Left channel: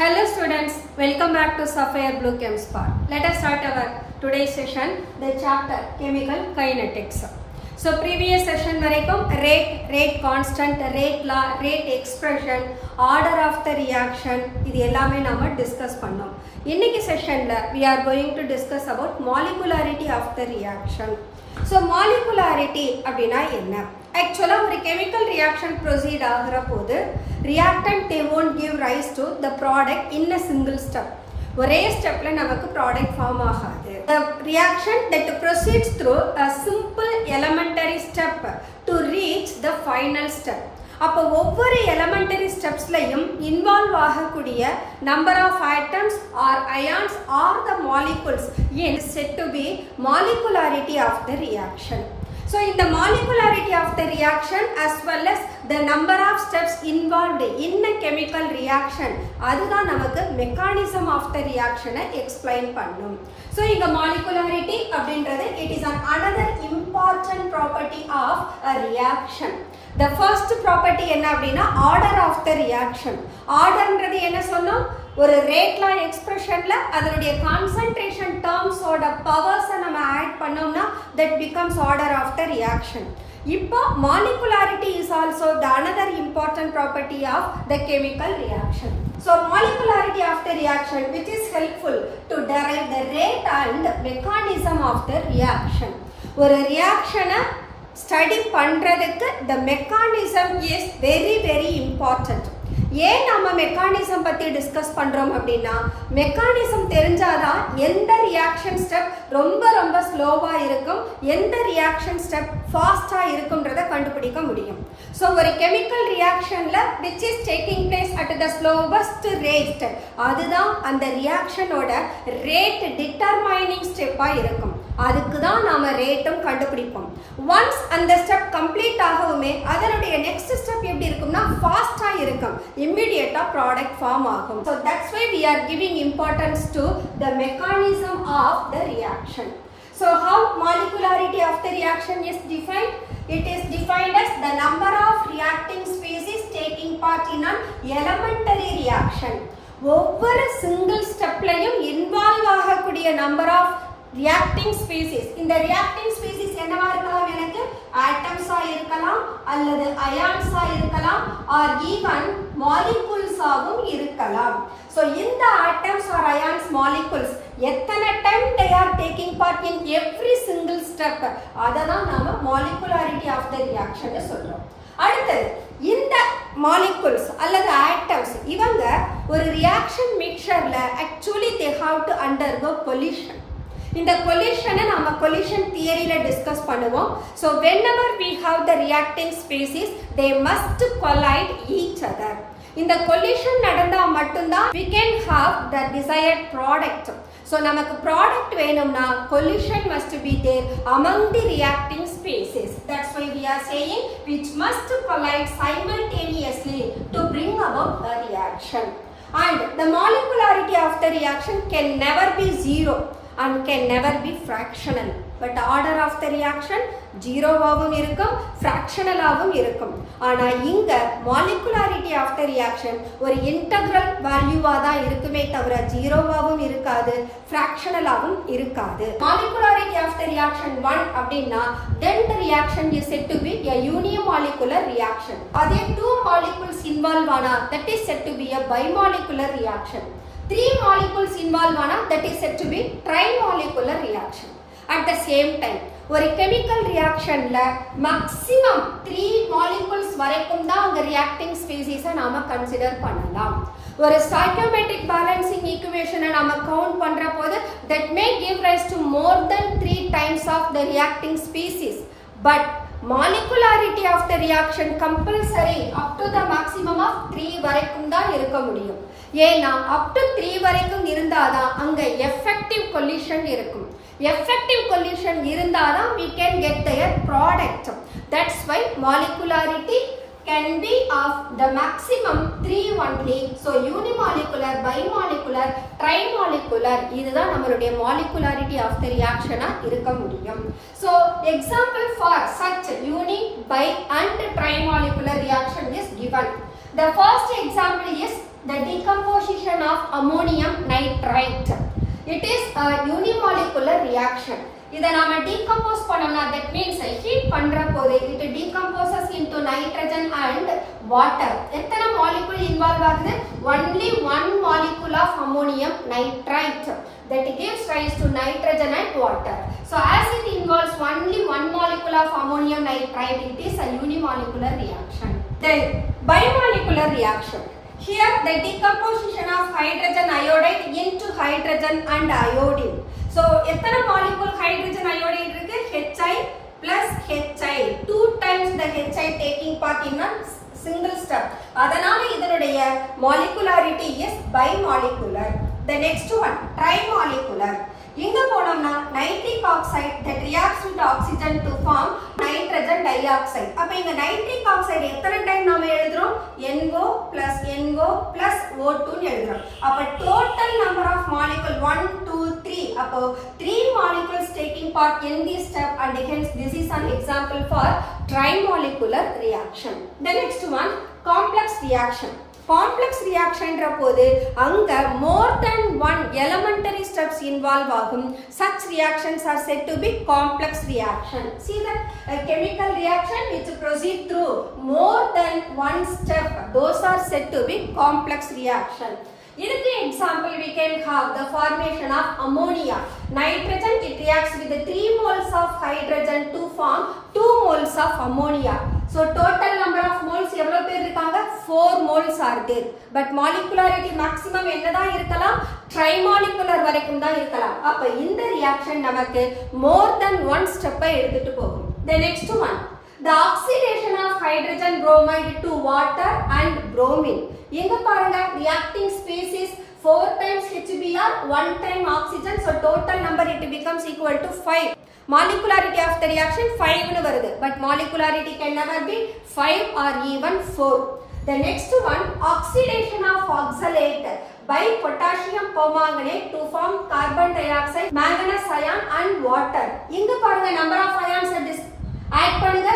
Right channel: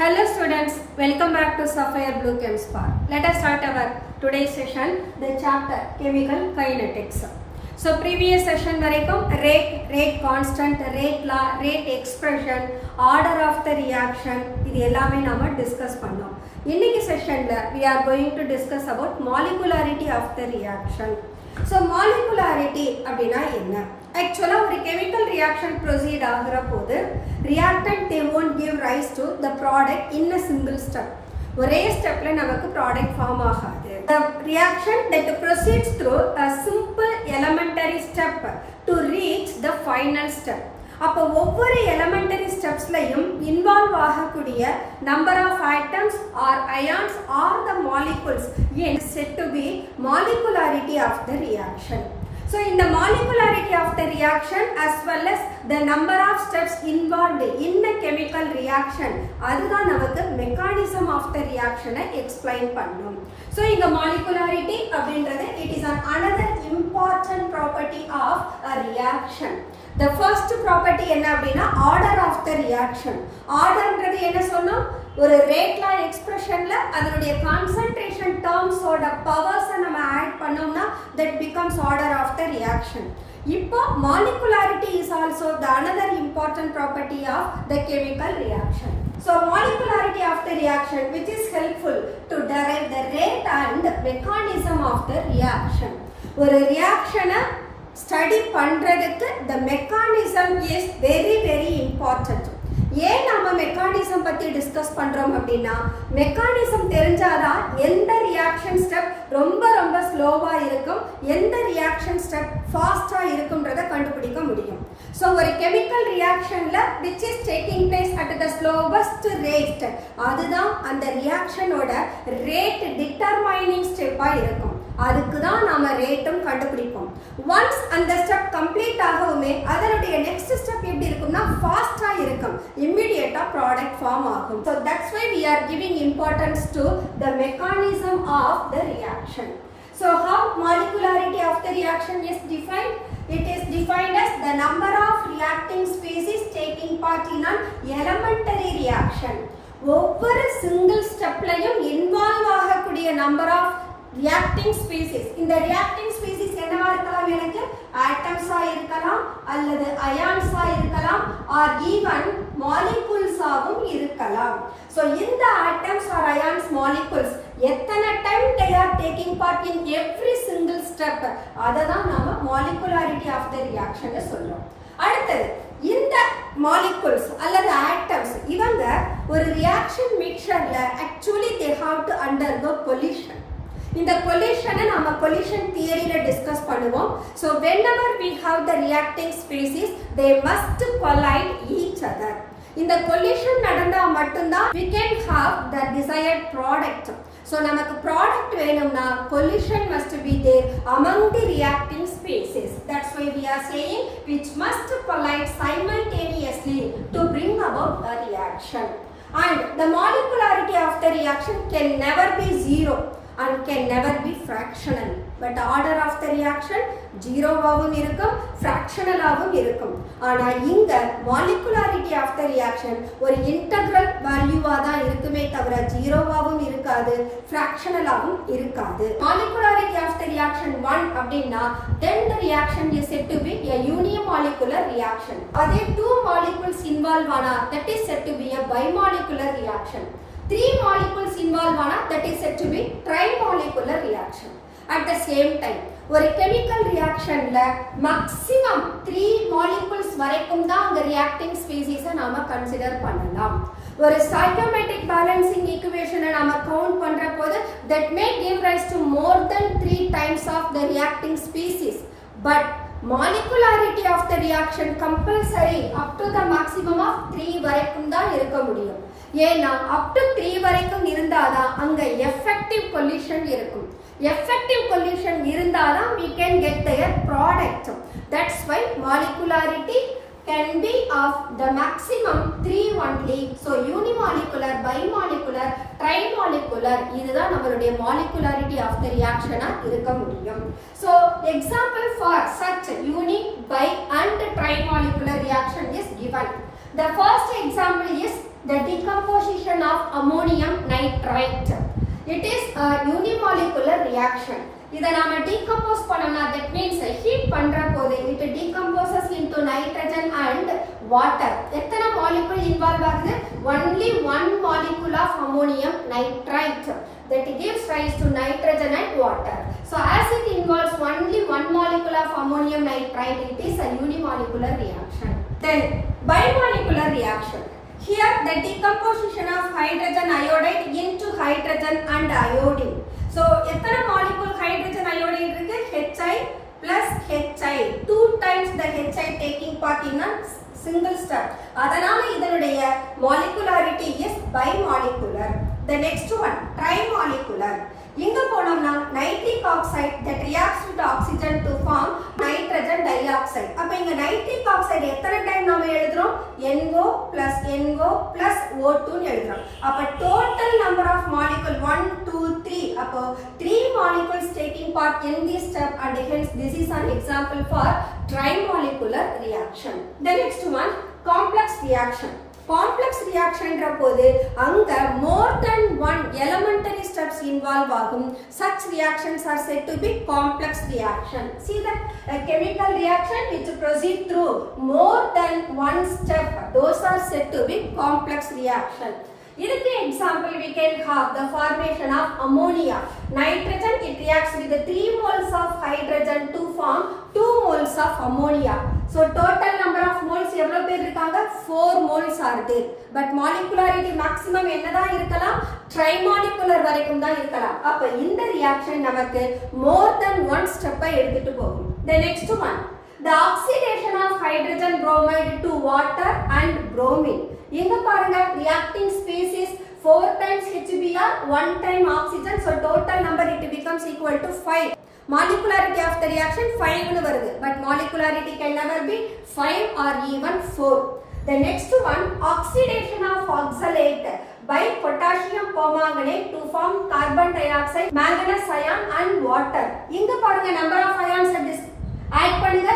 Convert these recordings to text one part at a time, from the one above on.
Hello students, welcome back to Sapphire Blue Chem Spark. Let us start our today's session, the chapter Chemical Kinetics. So previous session வரைக்கும் rate constant, rate law, rate expression, order of the reaction இது எல்லாமே நாம discuss பண்ணோம். இன்னைக்கு செஷன்ல we are going to discuss about molecularity of the reaction. So molecularity அப்படினா என்ன? Actually ஒரு chemical reaction proceed ஆகுற போது reactant they won't give rise to the product in a single step. ஒரே ஸ்டெப்ல நமக்கு ப்ராடக்ட் ஃபார்ம் ஆகாது. The reaction that proceeds through a simple elementary step to reach the final step. அப்போ ஒவ்வொரு elementary ஸ்டெப்ஸ்லையும் involve ஆகக்கூடிய number of atoms or ions or the molecules is set to be molecularity of the reaction. So in the molecularity of the reaction as well as the number of steps involved in a chemical reaction அதுதான் நமக்கு mechanism of the reaction explain பண்ணும். So இங்க molecularity அப்படின்றது it is another important property of a reaction. The first property என்ன அப்படின்னா order of the reaction. orderன்றது என்ன சொன்னோம்? ஒரு ரேட் லா எக்ஸ்பிரஷன்ல அதனுடைய கான்சன்ட்ரேஷன் டேர்ம்ஸ் ஓட பவர்ஸ் நம்ம ஆட் பண்ணோம்னா that becomes order of the reaction. இப்போ molecularity is also the another important property of the chemical reaction. So molecularity of the reaction which is helpful to derive the rate and mechanism of the reaction. ஒரு ரியாக்ஷனை study பண்றதுக்கு the mechanism is very important. ஏன் நம்ம mechanism பற்றி discuss பண்ணுறோம் அப்படின்னா mechanism தெரிஞ்சாதான் எந்த ரியாக்ஷன் ஸ்டெப் ரொம்ப ஸ்லோவாக இருக்கும், எந்த ரியாக்ஷன் ஸ்டெப் ஃபாஸ்ட்டாக இருக்குன்றதை கண்டுபிடிக்க முடியும். ஸோ ஒரு கெமிக்கல் ரியாக்ஷனில் which is taking place at the slowest rate அதுதான் அந்த ரியாக்ஷனோட ரேட் டிட்டர்மைனிங் ஸ்டெப்பாக இருக்கும். அதுக்கு தான் நாம ரேட்டும் கண்டுபிடிப்போம். ஒன்ஸ் அந்த ஸ்டெப் கம்ப்ளீட் ஆகவுமே அதனுடைய நெக்ஸ்ட் ஸ்டெப் எப்படி இருக்கும்னா ஃபாஸ்டா இருக்கும், இமிடியேட்டா ப்ராடக்ட் ஃபார்ம் ஆகும். So that's why we are giving importance to the mechanism of the reaction. So how molecularity of the reaction is defined? It is defined as the number of reacting species taking part in an elementary reaction. ஒவ்வொரு single ஸ்டெப்லையும் involve ஆகக்கூடிய number of reacting species. இந்த reacting species என்னவா இருக்கலாம்? எனக்கு ஆட்டம்ஸா இருக்கலாம் அல்லது அயான்ஸா இருக்கலாம் R even மாலிகுல்ஸாவும் இருக்கலாம். So இந்த ஆட்டம்ஸ் ஆர் அயான்ஸ் மாலிகுல்ஸ் எத்தனை time they are taking part in every single step அதை தான் நாம molecularity of the reaction சொல்றோம். அடுத்தது இந்த மாலிகுல்ஸ் அல்லது ஆட்டம்ஸ் இவங்க ஒரு ரியாக்ஷன் மிக்சர்ல actually they have to undergo collision. இந்த கொலிஷனை நாம கொலிஷன் தியரியில டிஸ்கஸ் பண்ணுவோம். So whenever we have the reacting species they must collide each other. இந்த கொலிஷன் நடந்தா மட்டும்தான் we can have the desired product. So நமக்கு ப்ராடக்ட் வேணும்னா collision must be there among the reacting species. That's why we are saying which must collide simultaneously to bring about the reaction. And the molecularity of the reaction can never be zero and can never be fractional. But order of the reaction ஜீரோவாகவும் இருக்கும், ஃப்ராக்ஷனலாகவும் இருக்கும். ஆனால் இங்கே molecularity of the reaction ஒரு integral வேல்யூவாக தான் இருக்குமே தவிர ஜீரோவாகவும் இருக்காது, ஃப்ராக்ஷனலாகவும் இருக்காது. மாலிகுலாரிட்டி ஆஃப் த ரியாக்ஷன் 1 அப்படின்னா then the reaction is said to be a unimolecular reaction. அதே 2 molecules involve ஆனா that is said to be a bimolecular reaction. 3 molecules involve ஆனா that is said to be trimolecular reaction. At the same time ஒரு chemical reactionல maximum 3 molecules வரைக்கும் தான் அங்க reacting species நாம consider பண்ணலாம். ஒரு stoichiometric balancing equation நாம கவுண்ட் பண்ற போது that may give rise to more than 3 times of the reacting species. But molecularity of the reaction compulsory up to the maximum of 3 வரைக்கும் தான் இருக்க முடியும். ஏன்னா up to 3 வரைக்கும் இருந்தாதான் அங்க effective collision இருக்கும். Effective collision இருந்தாதான் we can get their product. That's why molecularity can be of the maximum 3 only. So unimolecular, bimolecular, trimolecular இதுதான் நம்மளுடைய molecularity of the reaction இருக்க முடியும். So example for such uni, bi and trimolecular reaction is given. The first example is the decomposition of ammonium nitrite. It is a unimolecular reaction. இதை நாம decompose பண்ணோம்னா that means heat பண்ற போது it decomposes into nitrogen and water. எத்தனை molecule involve ஆகுது? Only one molecule of ammonium nitrite that gives rise to nitrogen and water. So as it involves only one molecule of ammonium nitrite, it is a unimolecular reaction. Then bimolecular reaction. Here the decomposition of hydrogen iodide into hydrogen and iodine. So எத்தனை molecule hydrogen iodide இருக்கு? Hi plus Hi. 2 times the Hi taking part in a single step. அதனால இதனுடைய molecularity is bimolecular. The next one trimolecular. இங்க போனோம்னா nitric oxide that reacts with oxygen to form nitrogen dioxide. அப்ப இங்க nitric oxide எத்தனை time நாம எழுதுறோம்? NO plus NO plus O2 ன்னு எழுதுறோம். அப்ப total number of molecule 1 2 3. அப்போ 3 molecules taking part in this step and hence this is an example for trimolecular reaction. The next one complex reaction. Complex reaction போது அங்க more than one elementary steps involve ஆகும். Such reactions are said to be complex reaction. See that a chemical reaction which proceed through more than one step, those are said to be complex reaction. இதுக்கு example we can have the formation of ammonia. Nitrogen it reacts with the 3 moles of hydrogen to form 2 moles of ammonia. So total number of moles எவ்வளவு பேர் இருக்காங்க? 4 moles are there. But molecularity maximum என்னதான் இருக்கலாம்? Trimolecular வரைக்கும் தான் இருக்கலாம். அப்ப இந்த reaction நமக்கு more than one step எடுத்துட்டு போகும். The next one, the oxidation of hydrogen bromide to water and bromine. இங்க பாருங்க reacting species 4 times HBr, 1 time oxygen, so total number it becomes equal to 5. Molecularity of the reaction 5 னு வருது, but molecularity can never be 5 or even 4. The next one, oxidation of oxalate by potassium permanganate to form carbon dioxide, manganese ion and water. இங்க பாருங்க number of ions at this add பண்ணுங்க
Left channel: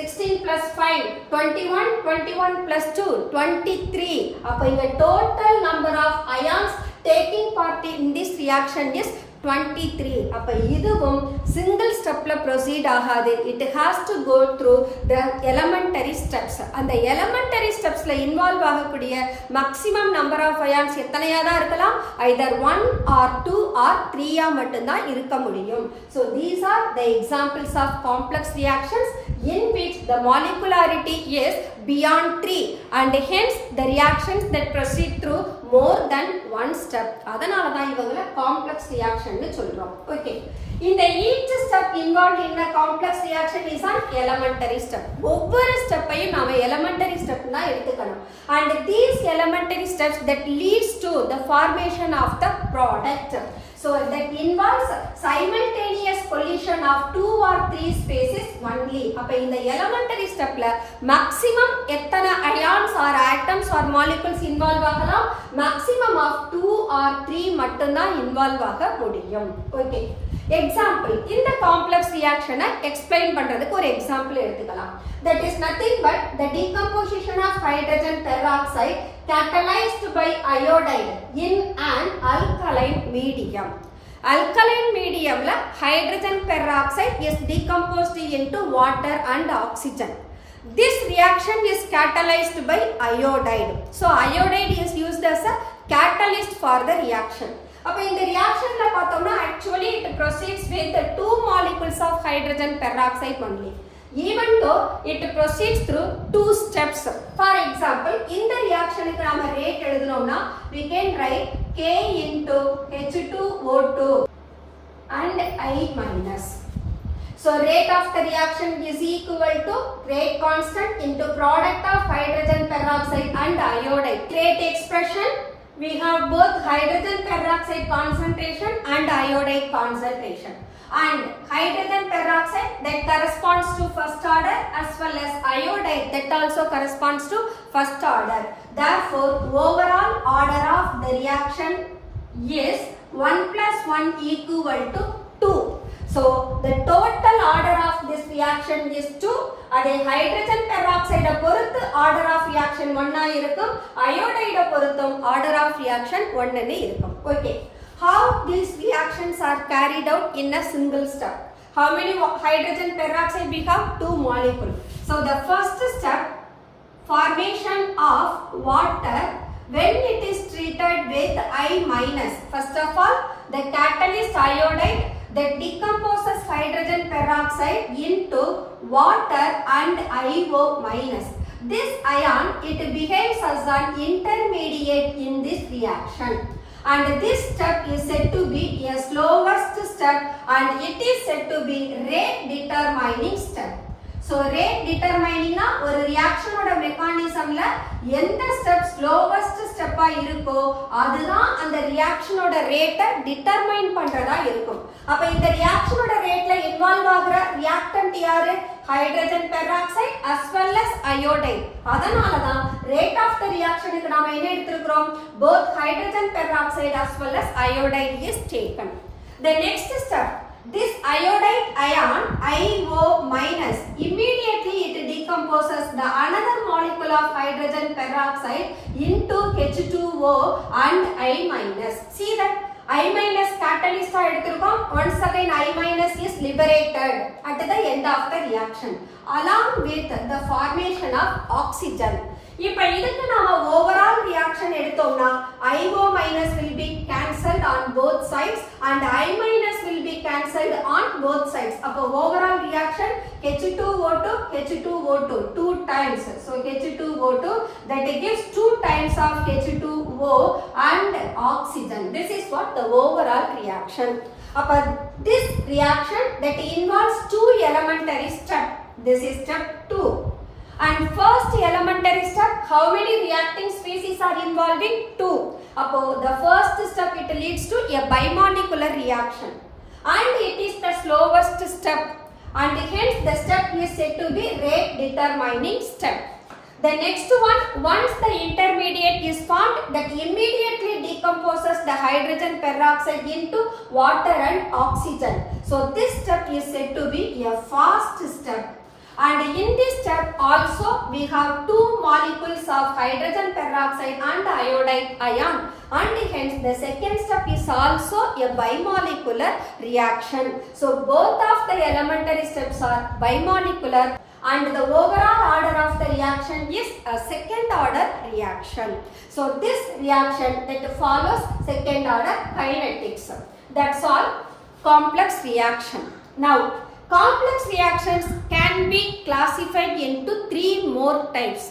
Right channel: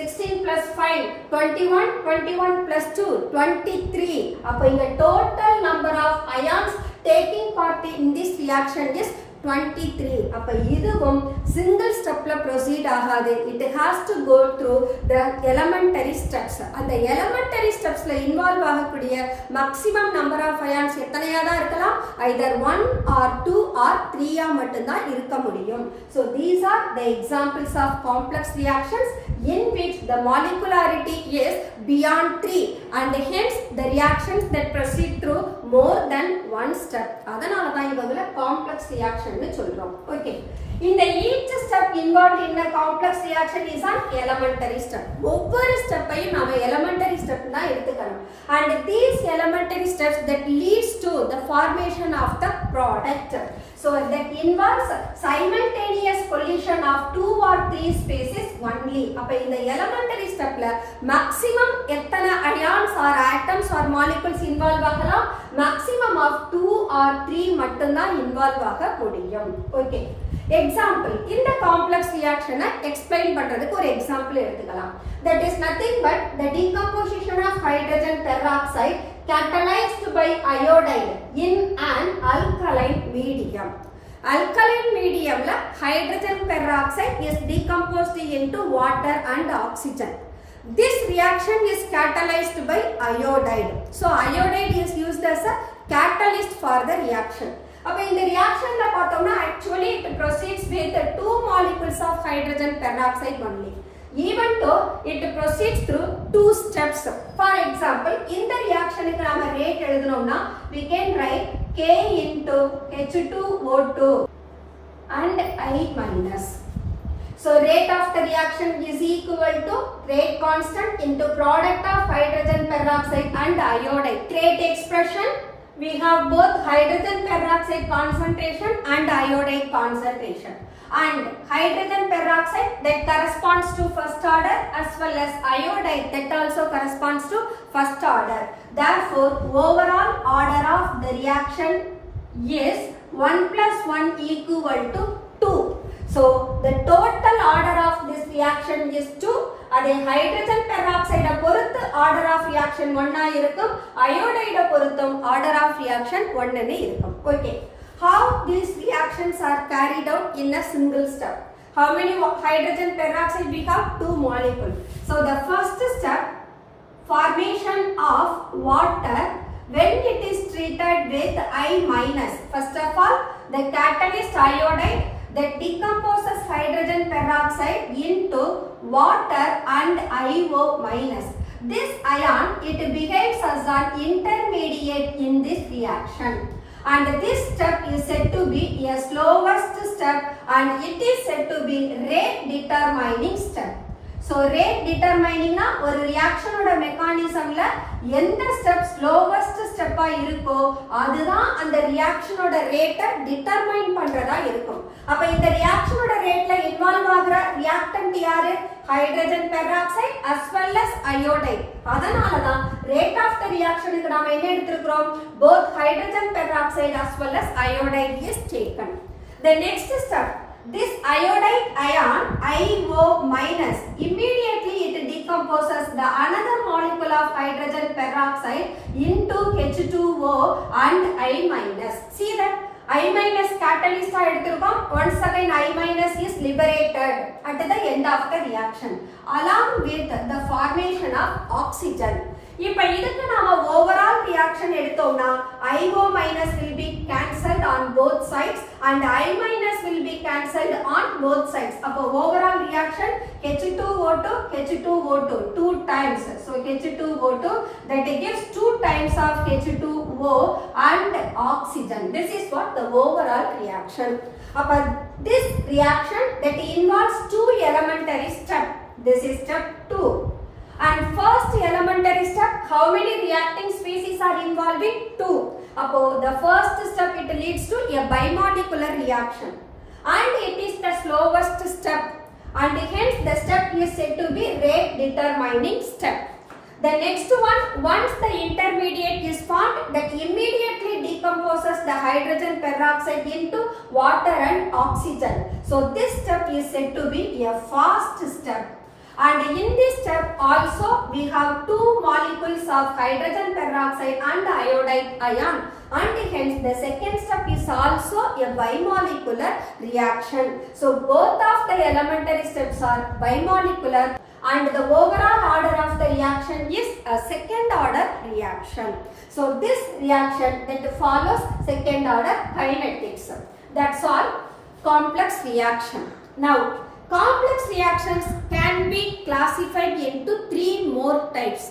16 plus 5 21 plus 2 23. அப்ப இங்க total number of ions taking part in this reaction is 23. அப்ப இதுவும் single stepல proceed ஆகாது. It has to go through the elementary steps. அந்த elementary stepsல involve ஆகக்கூடிய maximum number of ions எத்தனையா தான் இருக்கலாம்? either 1 or 2 or 3 ஆ மட்டும் தான் இருக்க முடியும். So these are the examples of complex reactions in which the molecularity is beyond 3 and hence the reactions that proceed through more than one step. அதனால தான் இவங்கள complex reaction னு சொல்றோம். Okay. In the each step involved in a complex reaction is an elementary step. ஒவ்வொரு ஸ்டெப்பையும் நாம elementary step தான் எடுத்துக்கணும். And these elementary steps that leads to the formation of the product. So that involves simultaneous collision of 2 or 3 species only. அப்ப இந்த elementary stepல maximum எத்தனை ions or atoms or molecules involve ஆகலாம்? Maximum of 2 or 3 மட்டும் தான் involve ஆக முடியும். Okay. Example, இந்த complex reaction explain பண்றதுக்கு ஒரு example எடுத்துக்கலாம். That is nothing but the decomposition of hydrogen peroxide catalyzed by iodide in an alkaline medium. Alkaline mediumல hydrogen peroxide is decomposed into water and oxygen. This reaction is catalyzed by iodide. So iodide is used as a catalyst for the reaction. அப்ப இந்த ரியாக்ஷன்ல பார்த்தோம்னா actually it proceeds with 2 molecules of hydrogen peroxide only. Even though it proceeds through 2 steps. For example, இந்த ரியாக்ஷனுக்கு நாம rate எழுதணும்னா we can write K into H2O2 and I minus. So rate of the reaction is equal to rate constant into product of hydrogen peroxide and iodide. Rate expression, we have both hydrogen peroxide concentration and iodide concentration. And hydrogen peroxide that corresponds to first order as well as iodide that also corresponds to first order. Therefore, overall order of the reaction is 1 plus 1 equal to 2. So So the total order of this reaction is 2. அதே hydrogen peroxide பொறுத்து order of reaction 1 இருக்கும், iodide பொறுத்தும் order of reaction 1 இருக்கும். Okay. How these reactions are carried out in a single step? How many hydrogen peroxide we have? 2 molecules. So the first step, formation of water when it is treated with I-. First of all, the catalyst iodide that decomposes hydrogen peroxide into water and IO-. This ion, it behaves as an intermediate in this reaction. And this step is said to be a slowest step and it is said to be rate determining step. So rate determining na ஒரு reaction oda mechanism la எந்த step slowest step இருக்கோ அதுதான் அந்த reaction oda rate determine பண்றதா இருக்கும். அப்ப இந்த reaction oda rate ல involve ஆகுற reactant யாரு? hydrogen peroxide as well as iodide. அதனால தான் rate of the reaction க்கு நாம என்ன எடுத்துக்கிறோம்? both hydrogen peroxide as well as iodide is taken. The next step, this iodide ion IO- immediately it decomposes the another molecule of hydrogen peroxide into H2O and I-. See that I- catalyst எடுத்திருக்கோம். Once again I- is liberated at the end of the reaction along with the formation of oxygen. இப்ப இதுக்கு நாம overall reaction எடுத்தோம்னா IO- will be cancelled on both sides and I- will be cancelled on both sides. அப்ப overall reaction H2O2 H2O2 2 times. So H2O2 that gives 2 times of H2O and oxygen. This is what the overall reaction. அப்ப this reaction that involves 2 elementary steps. This is step 2. And first elementary step, how many reacting species are involving? 2. Appo the first step it leads to a bimolecular reaction and it is the slowest step and hence the step is said to be rate determining step. The next one, once the intermediate is formed, that immediately decomposes the hydrogen peroxide into water and oxygen. So this step is said to be a fast step. And in this step also we have 2 molecules of hydrogen peroxide and iodide ion and hence the second step is also a bimolecular reaction. So both of the elementary steps are bimolecular and the overall order of the reaction is a second order reaction. So this reaction that follows second order kinetics. That's all complex reaction. Now complex reactions can be classified into 3 more types.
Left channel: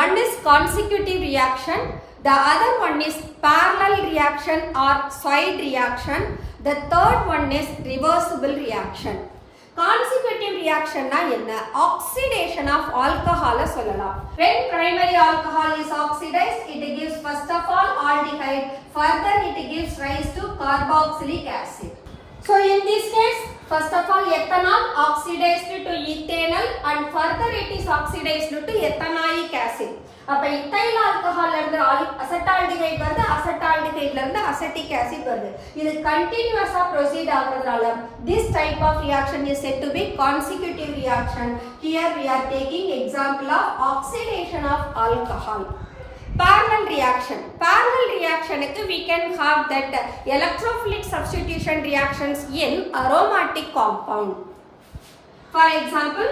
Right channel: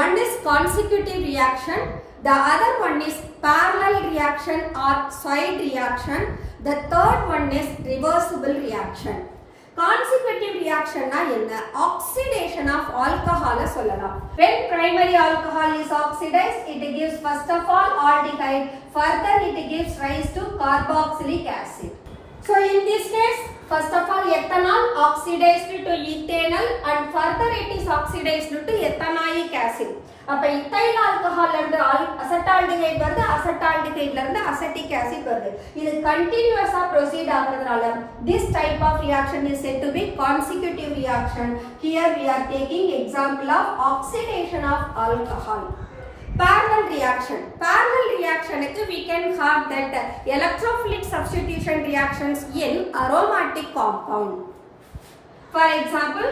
One is consecutive reaction, the other one is parallel reaction or side reaction, the third one is reversible reaction. Consecutive reaction na enna? Oxidation of alcohol சொல்லலாம். When primary alcohol is oxidized, it gives first of all aldehyde, further it gives rise to carboxylic acid. So in this case, first of all ethanol oxidized to ethanol and further it is oxidized to ethanoic acid. அப்ப ethyl alcohol ல இருந்து அசெட்டால்டிஹைட் வருது, அசெட்டால்டிஹைட்ல இருந்து ascetic acid வருது. இது கண்டினியூஸா proceed ஆகுறதுனால this type of reaction is said to be consecutive reaction. Here we are taking example of oxidation of alcohol. Parallel reaction. Parallel reaction we can have that electrophilic substitution reactions in aromatic compound. For example,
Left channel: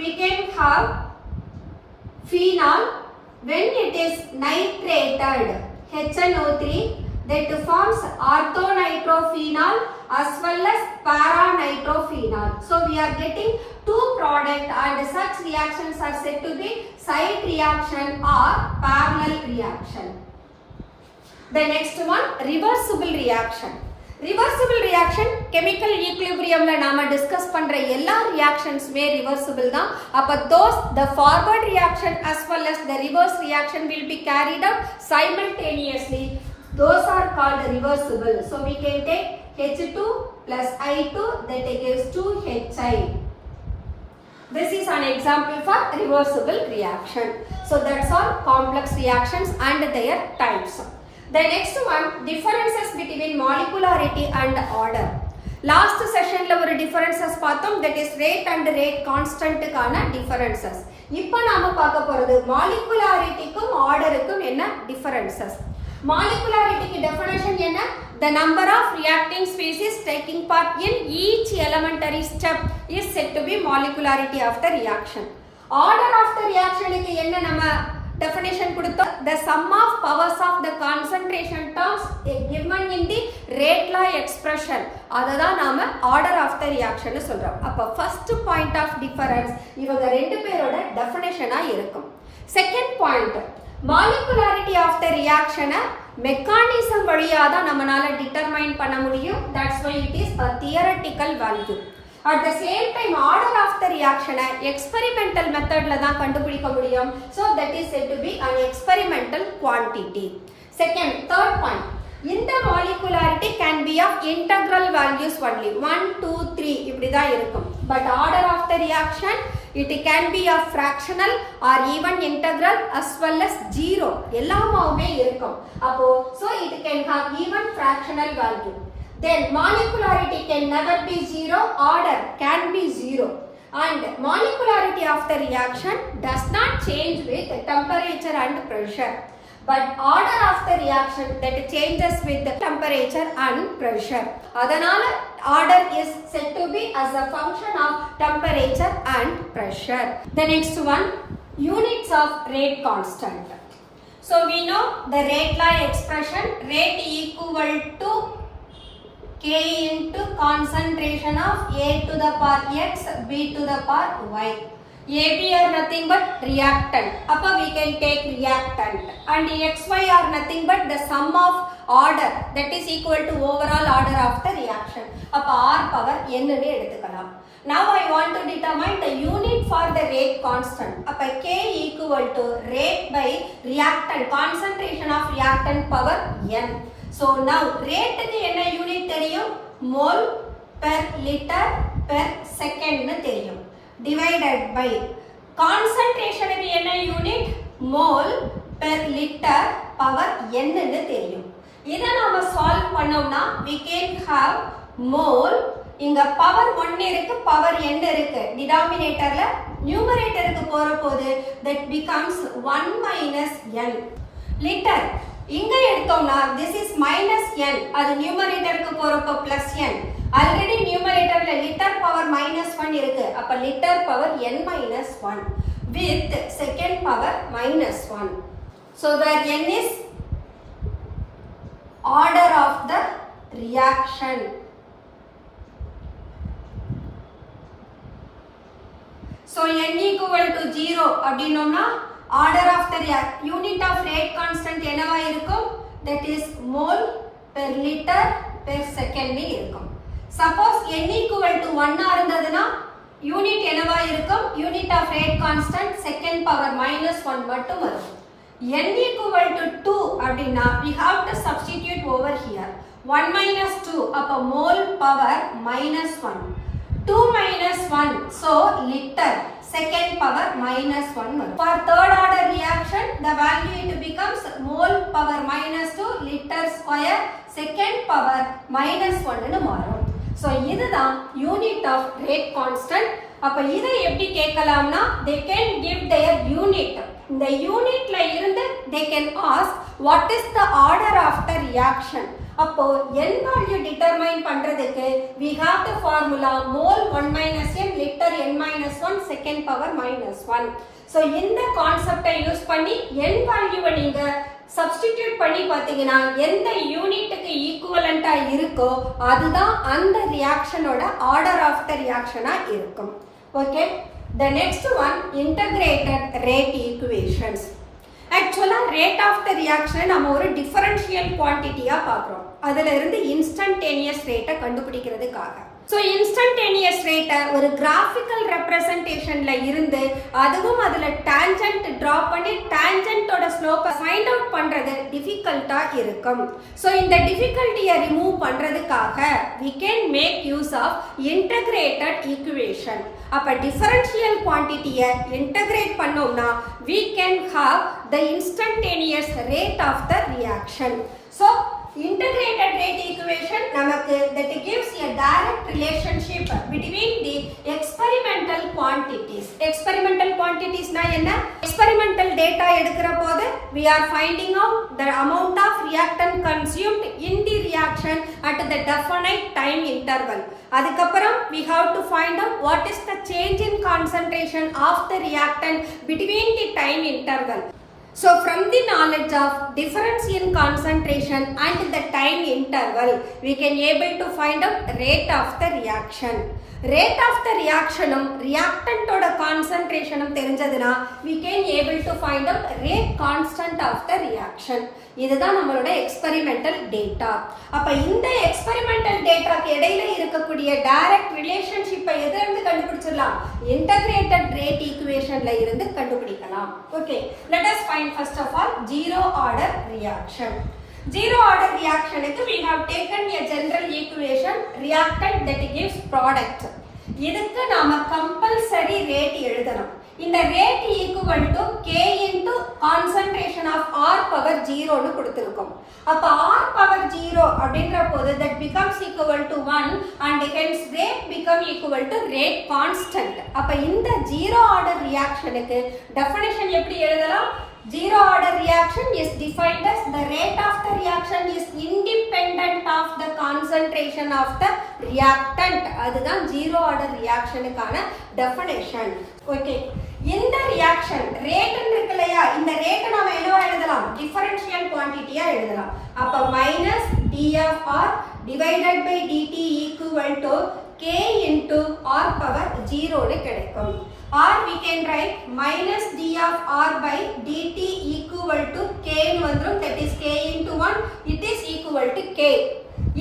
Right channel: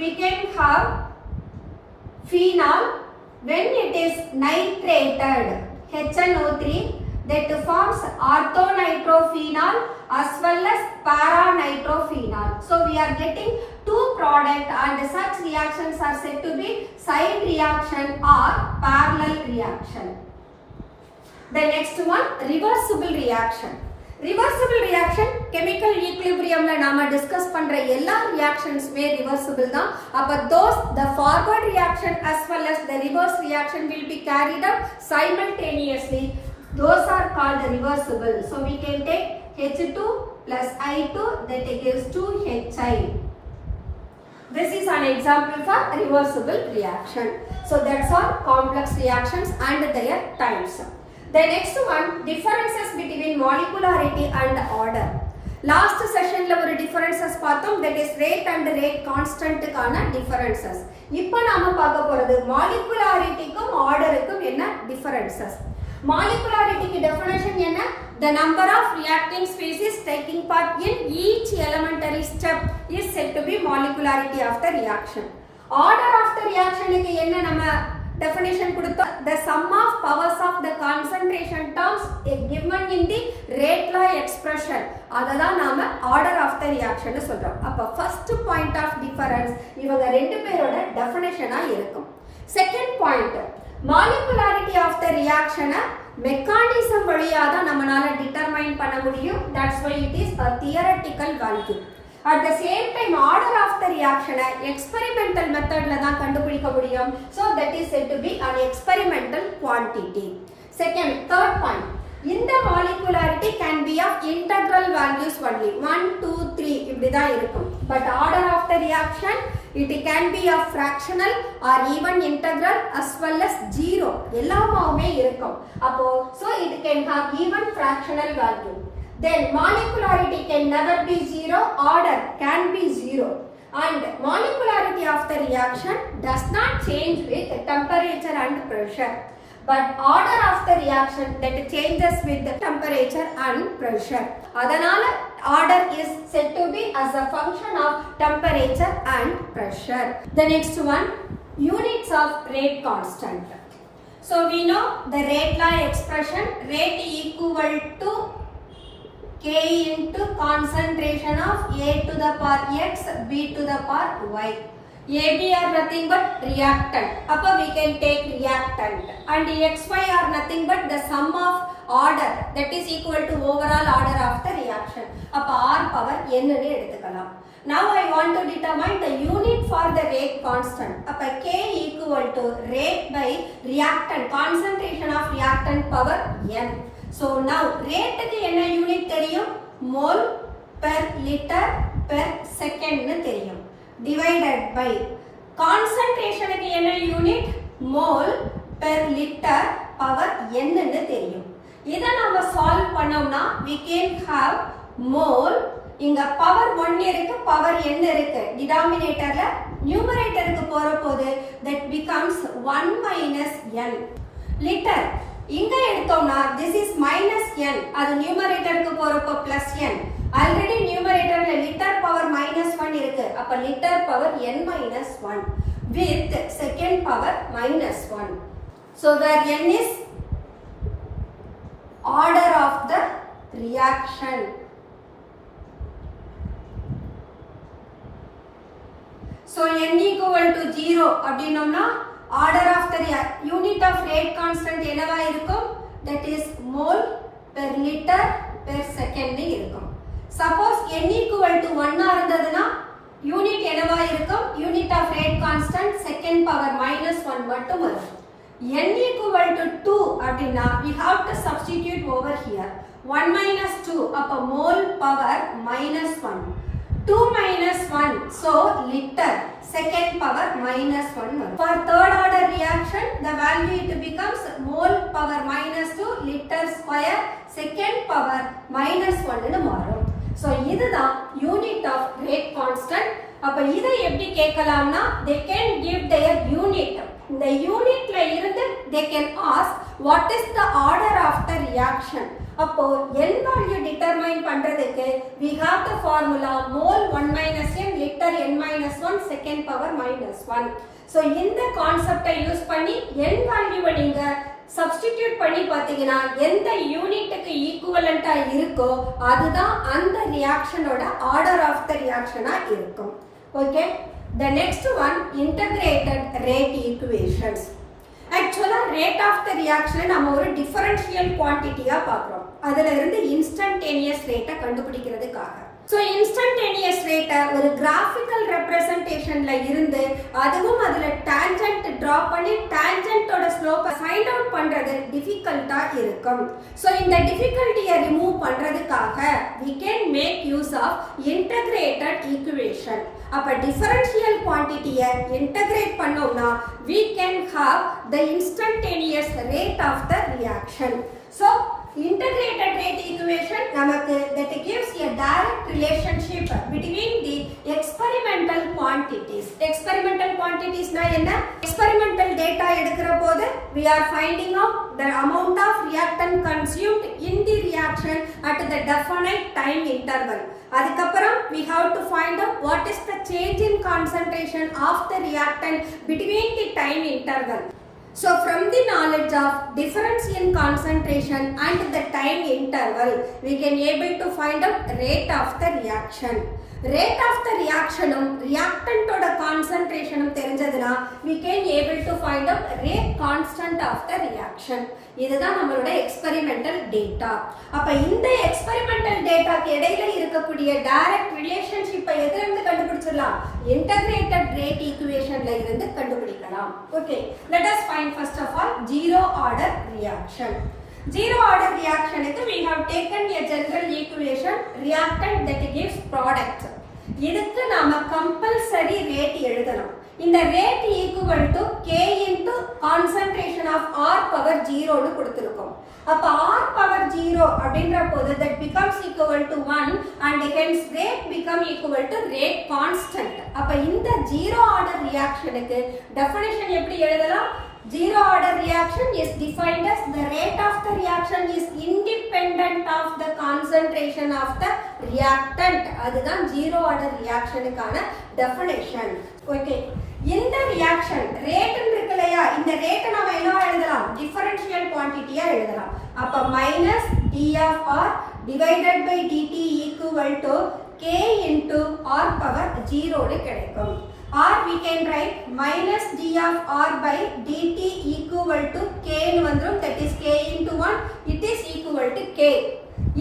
we can have phenol when it is nitrated HNO3 that forms orthonitrophenol as well as paranitrophenol. So we are getting 2 products and such reactions are said to be side reaction or parallel reaction. The next one, reversible reaction. Reversible reaction, chemical equilibrium la nama discuss பண்ற எல்லா reactions மே reversible தான். அப்ப those the forward reaction as well as the reverse reaction will be carried out simultaneously. Those are called reversible. So we can take H2 plus I2 that gives 2HI. This is an example for reversible reaction. So that's all complex reactions and their types. The next one, differences between molecularity and order. Last செஷன்ல ஒரு differences பார்த்தோம், that is rate and rate கான்ஸ்டன்ட்டுக்கான differences. இப்போ நாம பார்க்க போறது மாலிகுலாரிட்டிக்கும் ஆர்டருக்கும் என்ன டிஃபரன்சஸ். மாலிகுலாரிட்டிக்கு டெஃபினேஷன் என்ன? The number of reacting species taking part in each elementary step is said to be molecularity of the reaction. Order of the reaction க்கு என்ன நம்ம definition கொடுத்தோம்? The sum of powers of the concentration terms given in the rate law expression. அததான் நாம order of the reaction சொல்றோம். அப்ப first point of difference இவங்க ரெண்டு பேரோட definition-ஆ இருக்கும். Second point, molecularity of the reaction mechanism வழியா தான் நம்மனால determine பண்ண முடியும். That's why it is a theoretical value. At the same time, order of the reaction experimental method ல தான் கண்டுபிடிக்க முடியும். So that is said to be an experimental quantity. Second, third point, இந்த molecularity can be of integral values only. 1, 2, 3 இப்படி தான் இருக்கும். But order of the reaction, it can be of fractional or even integral as well as zero. எல்லாமே இருக்கும். அப்போ so it can have even fractional value. Then molecularity can never be zero, order can be zero. And molecularity of the reaction does not change with temperature and pressure. But order of the reaction that changes with the temperature and pressure. அதனால order is said to be as a function of temperature and pressure. The next one, units of rate constant. So we know the rate law expression, rate equal to K into concentration of A to the power X, B to the power Y. AB are nothing but reactant. Appa we can take reactant. And XY are nothing but the sum of order that is equal to overall order of the reaction. Appa R power N nu eduthikalam. Now I want to determine the unit for the rate constant. Appa K equal to rate by reactant, concentration of reactant power N. So now rate க்கு என்ன unit தெரியும்? mole per liter per second னு தெரியும். divided by concentration க்கு என்ன unit? mole per liter power n னு தெரியும். இத நாம சால்வ் பண்ணோம்னா we can have mole, இங்க பவர் 1 இருக்கு, பவர் n இருக்கு. டினாமினேட்டர்ல நியூமரேட்டருக்கு போறபோது that becomes 1 minus n. liter இங்க எடுத்தோம்னா this is minus n, அது நியூமரேட்டருக்கு போறப்போ plus n. ஆல்ரெடி நியூமரேட்டர்ல லிட்டர் பவர் minus 1 இருக்கு, அப்ப litre power n minus 1 with second power minus 1. So where n is order of the reaction. So n equal to 0 அப்படினோம்னா order of the unit of rate constant என்னவா இருக்கும்? That is mole per liter per second னு இருக்கும். Suppose n equal to 1 ஆ இருந்ததுனா unit என்னவா இருக்கும்? unit of rate constant second power minus 1 மட்டும் வரும். n equal to 2 அப்படினா we have to substitute over here. 1 minus 2 அப்ப mole power minus 1. 2 minus 1, so liter second power minus 1. For third order reaction, the value it becomes mole power minus 2 liter square second power minus 1 னு மாறும். So இதுதான் unit of rate constant. அப்ப இதை எப்படி கேட்கலாம்னா they can give their unit. இந்த யூனிட்ல இருந்து they can ask what is the order of the reaction. அப்போ n value determine பண்றதுக்கு we have the formula mole 1 minus n liter n minus 1 second power minus 1. so இந்த கான்செப்டை use பண்ணி n வேல்யூவை நீங்க சப்ஸ்டிடியூட் பண்ணி பாத்தீங்கன்னா எந்த யூனிட்டுக்கு ஈக்குவலண்டா இருக்கோ அதுதான் அந்த ரியாக்ஷனோட ஆர்டர் ஆஃப் த ரியாக்ஷனா இருக்கும். Okay, the next one, integrated rate equations. ஆக்சுவலா ரேட் ஆஃப் த ரியாக்ஷன் நம்ம ஒரு டிஃபரன்ஷியல் குவான்டிட்டியா பார்க்குறோம். அதுல இருந்து இன்ஸ்டன்டேனியஸ் ரேட்டை கண்டுபிடிக்கிறதுக்காக. ஸோ இன்ஸ்டன்டேனியஸ் ரேட்டை ஒரு கிராஃபிக்கல் ரெப்ரசன்டேஷன்ல இருந்து அதுவும் அதுல டேஞ்சன்ட் டிரா பண்ணி டேஞ்சன்ட்டோட ஸ்லோப்பை ஃபைண்ட் அவுட் பண்றது டிஃபிகல்ட்டா இருக்கும். ஸோ இந்த டிஃபிகல்ட்டியை ரிமூவ் பண்றதுக்காக we can make use of integrated equation. அப்ப டிஃபரன்ஷியல் குவான்டிட்டியை இன்டகிரேட் பண்ணோம்னா we can have the instantaneous rate of the reaction. So integrated rate equation நமக்கு that gives a direct relationship between the experimental quantities. Experimental quantities na என்ன? Experimental data எடுக்கிற போது we are finding out the amount of reactant consumed in the reaction at the definite time interval. அதுக்கப்புறம் we have to find out what is the change in concentration of the reactant between the time interval. So from the knowledge of difference in concentration and the time interval, we can able to find out rate of the reaction. Rate of the reaction reactant oda concentration தெரிஞ்சதுனா we can able to find out rate constant of the reaction. இதுதான் நம்மளோட experimental data. அப்ப இந்த experimental dataக்கு இடையில இருக்கக்கூடிய direct relationship எதில இருந்து கண்டுபிடிச்சிடலாம்? Integrated rate equationல இருந்து கண்டுபிடிக்கலாம். Okay, let us find first of all zero order reaction. Zero order reaction க்கு we have taken a general equation reactant that gives product. இதுக்கு நாம compulsory rate எழுதலாம். இந்த rate equal to k into concentration of r power 0 னு கொடுத்திருக்கோம். அப்ப r power 0 அப்படிங்கற போது that becomes equal to 1 and hence rate become equal to rate constant. அப்ப இந்த zero order reaction க்கு definition எப்படி எழுதலாம்? Zero order reaction is defined as the rate of the reaction is independent of the concentration of the reactant. அதுதான் zero order reaction க்கான definition. Okay. இந்த reaction rate இருக்குலையா, இந்த rate நாம என்னவா எழுதலாம்? Differential quantity எழுதலாம். அப்ப minus d of r divided by dt equal to k into r power 0 னு கிடைக்கும். Or we can write minus d of r by dt equal to k னு வந்துரும். That is k into 1. It is equal to k.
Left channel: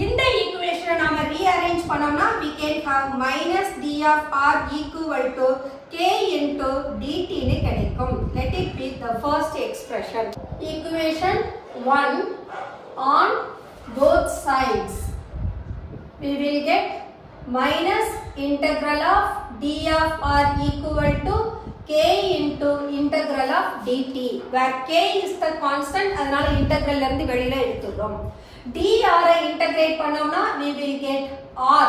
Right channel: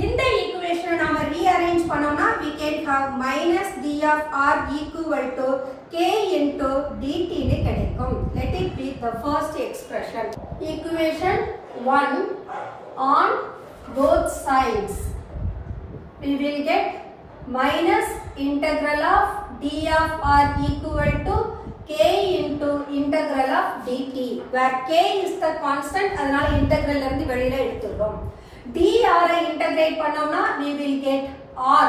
இந்த equation நாம rearrange பண்ணோம்னா we can have minus d of r equal to k into dt னு கிடைக்கும். Let it be the first expression. Equation 1 on both sides we will get minus integral of d of r equal to k into integral of dt, where k is the constant, அதனால integral ல இருந்து வெளியில எடுத்துறோம். dr ஐ integrate பண்ணோம்னா we will get r,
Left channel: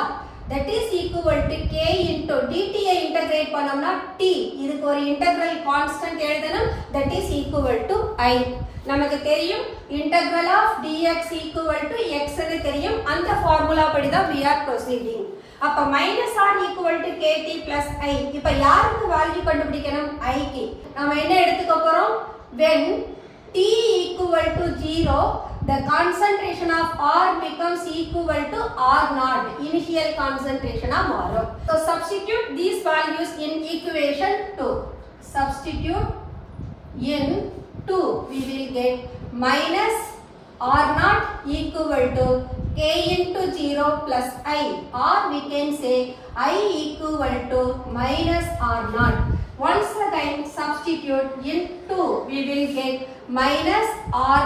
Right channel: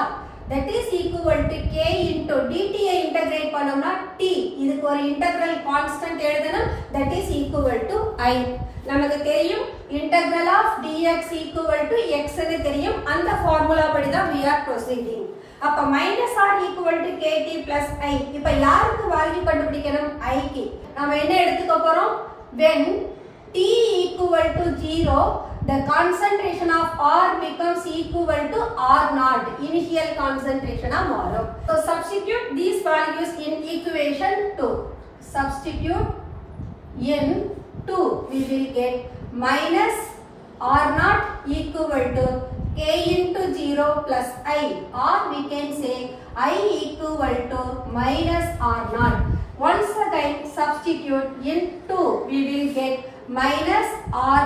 that is equal to k into dt I integrate பண்ணோம்னா t, இதுக்கு ஒரு integral constant எழுதணும், that is equal to I. நமக்கு தெரியும் integral of dx equal to x னு தெரியும், அந்த ஃபார்முலா படி தான் we are proceeding. அப்ப minus r equal to kt plus I. இப்ப யாருக்கு வேல்யூ கண்டுபிடிக்கணும்? I க்கு. நாம என்ன எடுத்துக்க போறோம்? When t equal to 0, the concentration of r becomes equal to r naught. Initial concentration ஆ மாறும். So substitute these values in equation 2. Substitute in 2. We will get minus r naught equal to k into 0 plus I, or we can say I equal to minus r naught. Once again substitute in 2, we will get minus r,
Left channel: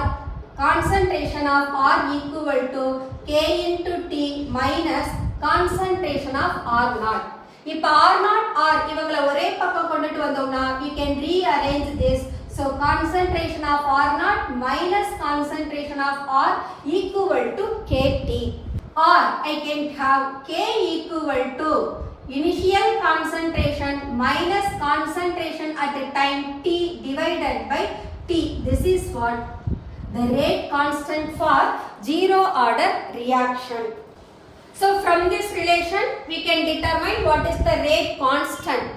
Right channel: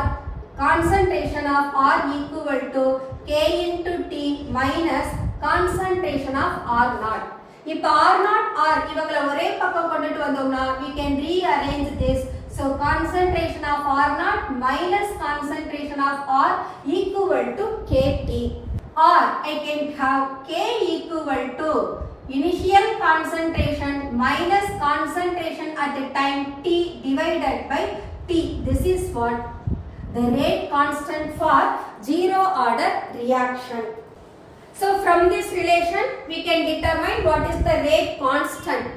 concentration of r equal to k into t minus concentration of r naught. இப்ப r naught r இவங்கள ஒரே பக்கம் கொண்டுட்டு வந்தோம்னா we can rearrange this. So concentration of r naught minus concentration of r equal to kt, or I can have k equal to initial concentration minus concentration at the time t divided by t. This is what the rate constant for zero order reaction. So from this relation we can determine what is the rate constant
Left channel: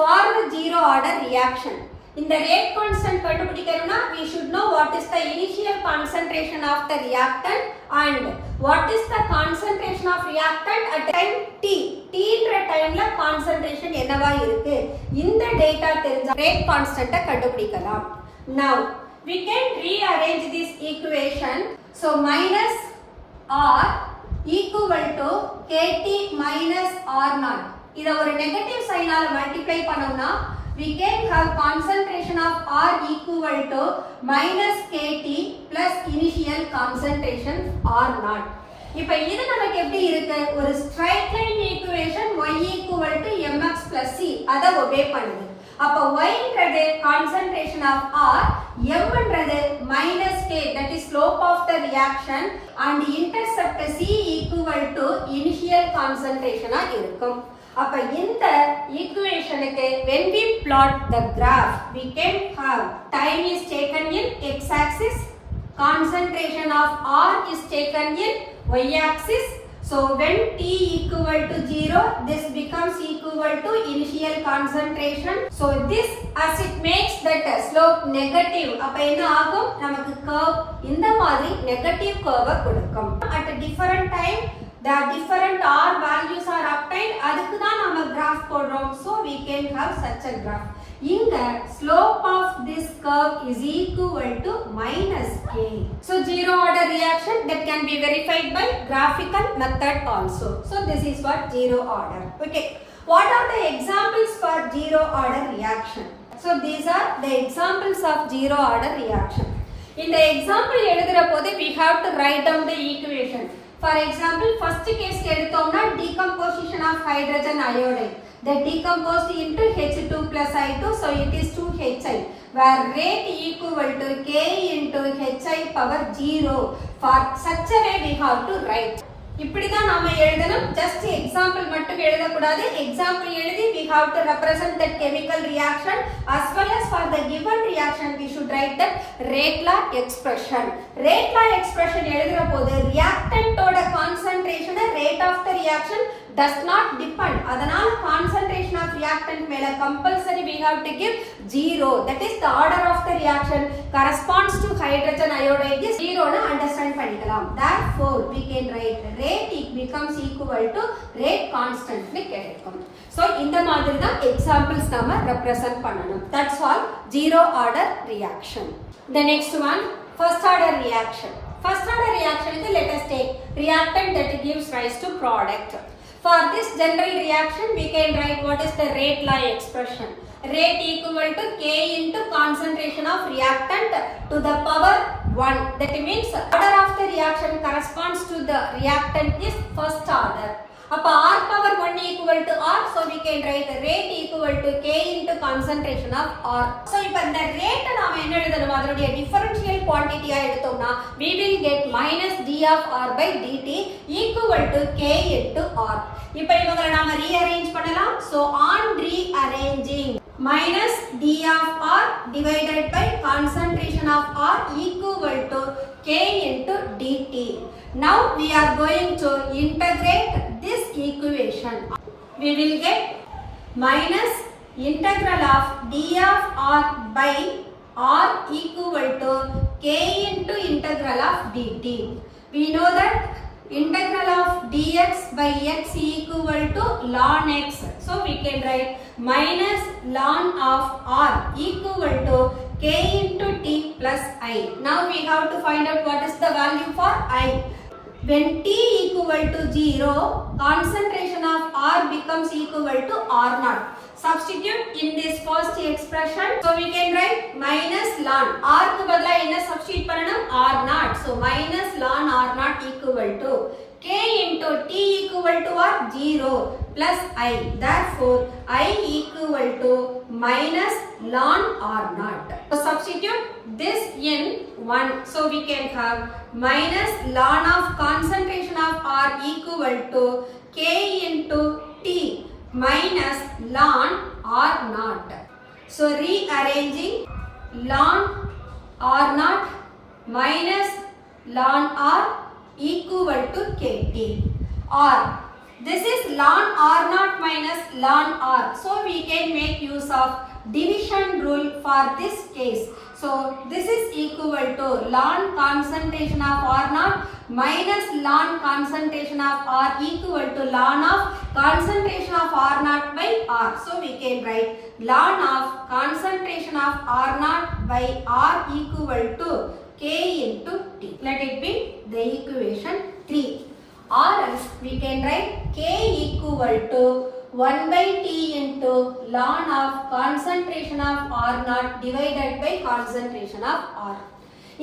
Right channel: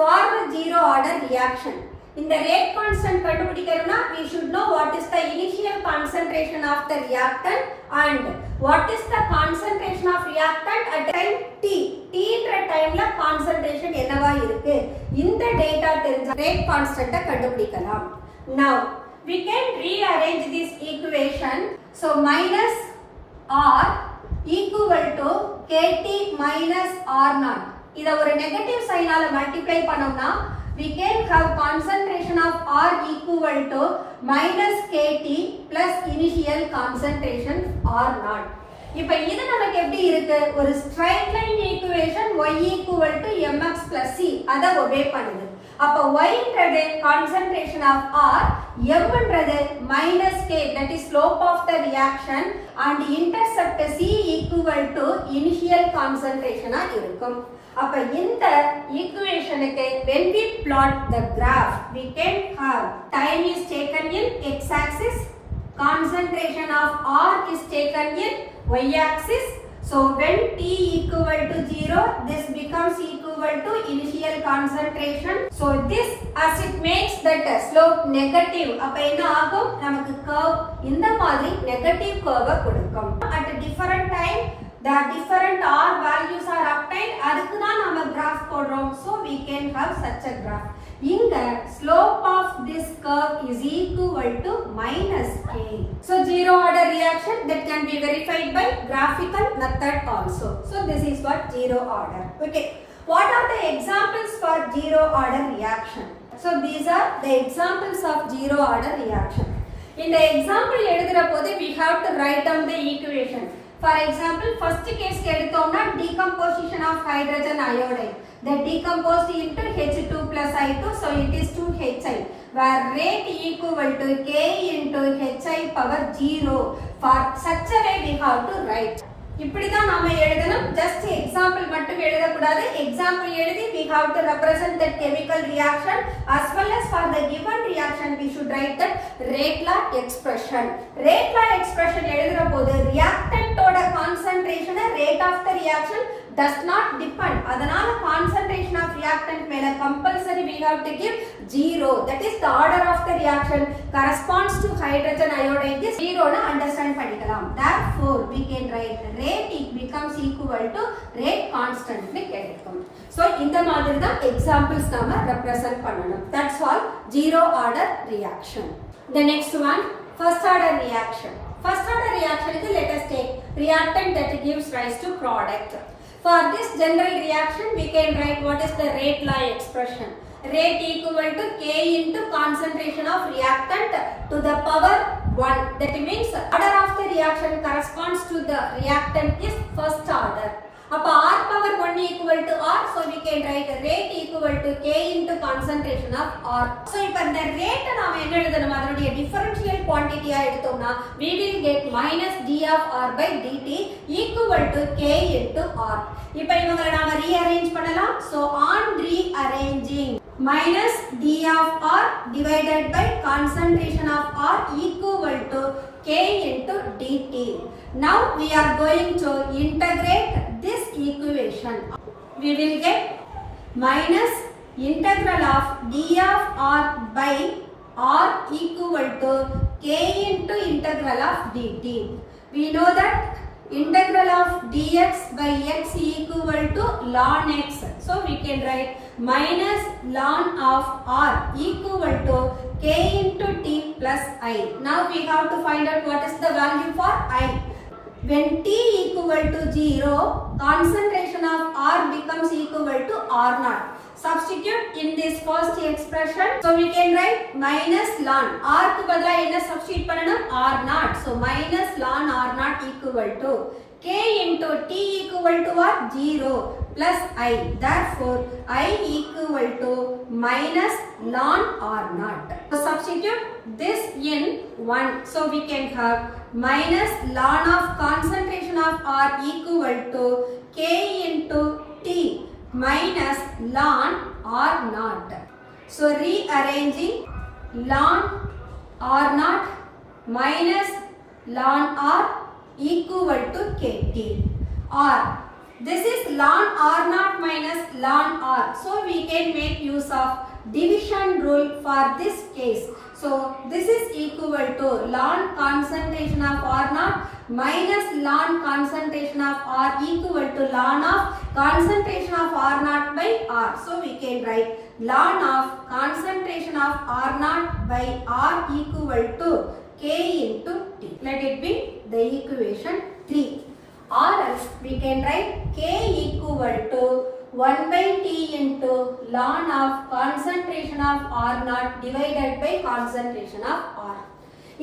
for the zero order reaction. இந்த rate constant கண்டுபிடிக்கணும்னா we should know what is the initial concentration of the reactant and what is the concentration of reactant at time t. t ன்ற டைம்ல concentration என்னவா இருக்கு, இந்த data தெரிஞ்சா rate constant கண்டுபிடிக்கலாம். Now we can rearrange this equation. So minus r equal to kt minus r naught. இத ஒரு negative சைனால மல்டிப்ளை பண்ணோம்னா we can have concentration of r equal to minus kt plus initial concentration r naught. இப்போ இது நமக்கு எப்படி இருக்கு? ஒரு straight line equation y equal to mx plus c அத ஒபே பண்ணுது. அப்ப y ன்றது concentration of r, m ன்றது minus k that is slope of the reaction and intercept c equal to initial concentration ஆ இருக்கும். அப்ப இந்த ஈக்குவேஷனுக்கு when we plot the graph we can have time is taken in x axis, concentration of r is taken in y axis. So when t equal to 0, this becomes equal to initial concentration. So this as it makes that slope negative, அப்ப என்ன ஆகும்? நமக்கு curve இந்த மாதிரி negative curve கொடுக்கும். At a different time the different r values are obtained, அதுக்கு தான் நம்ம graph போடுறோம். So we can have such a graph. இங்க slope of this curve is equal to minus k. So zero order reaction that can be verified by graphical method also. So this is what zero order. Okay. What are the examples for zero order reaction? So these are the examples of zero order reaction. In the example எழுதுற போது we have to write down the equation. For example, first case எடுத்தோம்னா decomposition of hydrogen iodide. That decomposed into H2 plus I2, so it is 2Hi, where rate equal to K into Hi power 0. For such a way we have to write. இப்படிதான் நாம எழுதணும். just example மட்டும் எழுத கூடாது. example எழுதி we have to represent that chemical reaction as well as for the given reaction we should write that rate law expression. rate law expression எழுதுற போது reactant ஓட concentration rate of the reaction does not depend. அதனால concentration of reactant மேல compulsory we have to give 0. That is the order of the reaction corresponds to hydrogen iodide is 0 னு understand பண்ணிக்கலாம். Therefore we can write rate becomes equal to rate constant னு கிடைக்கும். So இந்த மாதிரி தான் examples நாம represent பண்ணணும். That's all zero order reaction. The next one, first order reaction. First order reaction is, let us take reactant that gives rise to product. For this general reaction, we can write what is the rate law expression. Rate equal to K into concentration of reactant to the power 1. That means order of the reaction corresponds to the reactant is first order. அப்ப R power 1 equal to R, so we can write rate equal to K into concentration of R. So இப்ப இந்த rate நாம என்ன எழுதணும்? அதனுடைய differential quantity ஆ எடுத்தோம்னா we will get minus d of R by dt equal to K into R. இப்ப இவங்களை நாம rearrange பண்ணலாம். So on rearranging, minus d of R divided by concentration of R equal to K into dt. Now we are going to integrate this equation. We will get minus integral of d of R by R equal to K into integral of dt. We know that integral of dx by x equal to ln x. So we can write minus ln of R equal to K into t plus I. Now we have to find out what is the value for I. When t equal to 0, concentration of R becomes equal to R naught. Substitute in this first expression. So we can write minus ln. R க்கு பதிலா என்ன substitute பண்ணனும்? R naught. So minus ln R naught equal to K into t equal to what? 0 plus I. Therefore, I equal to minus ln R naught. So substitute this in 1. So we can have minus ln of concentration of R equal to K into T minus ln R naught. So rearranging ln R naught minus ln R equal to KT. Or this is ln R naught minus ln R. So we can make use of division rule for this case. So this is equal to ln concentration of R naught minus ln concentration of R equal to ln of concentration of R naught by R. So we can write ln of concentration of R naught by R equal to K into T. Let it be the equation 3. Or else we can write K equal to 1 by T into ln of concentration of R naught divided by concentration of R.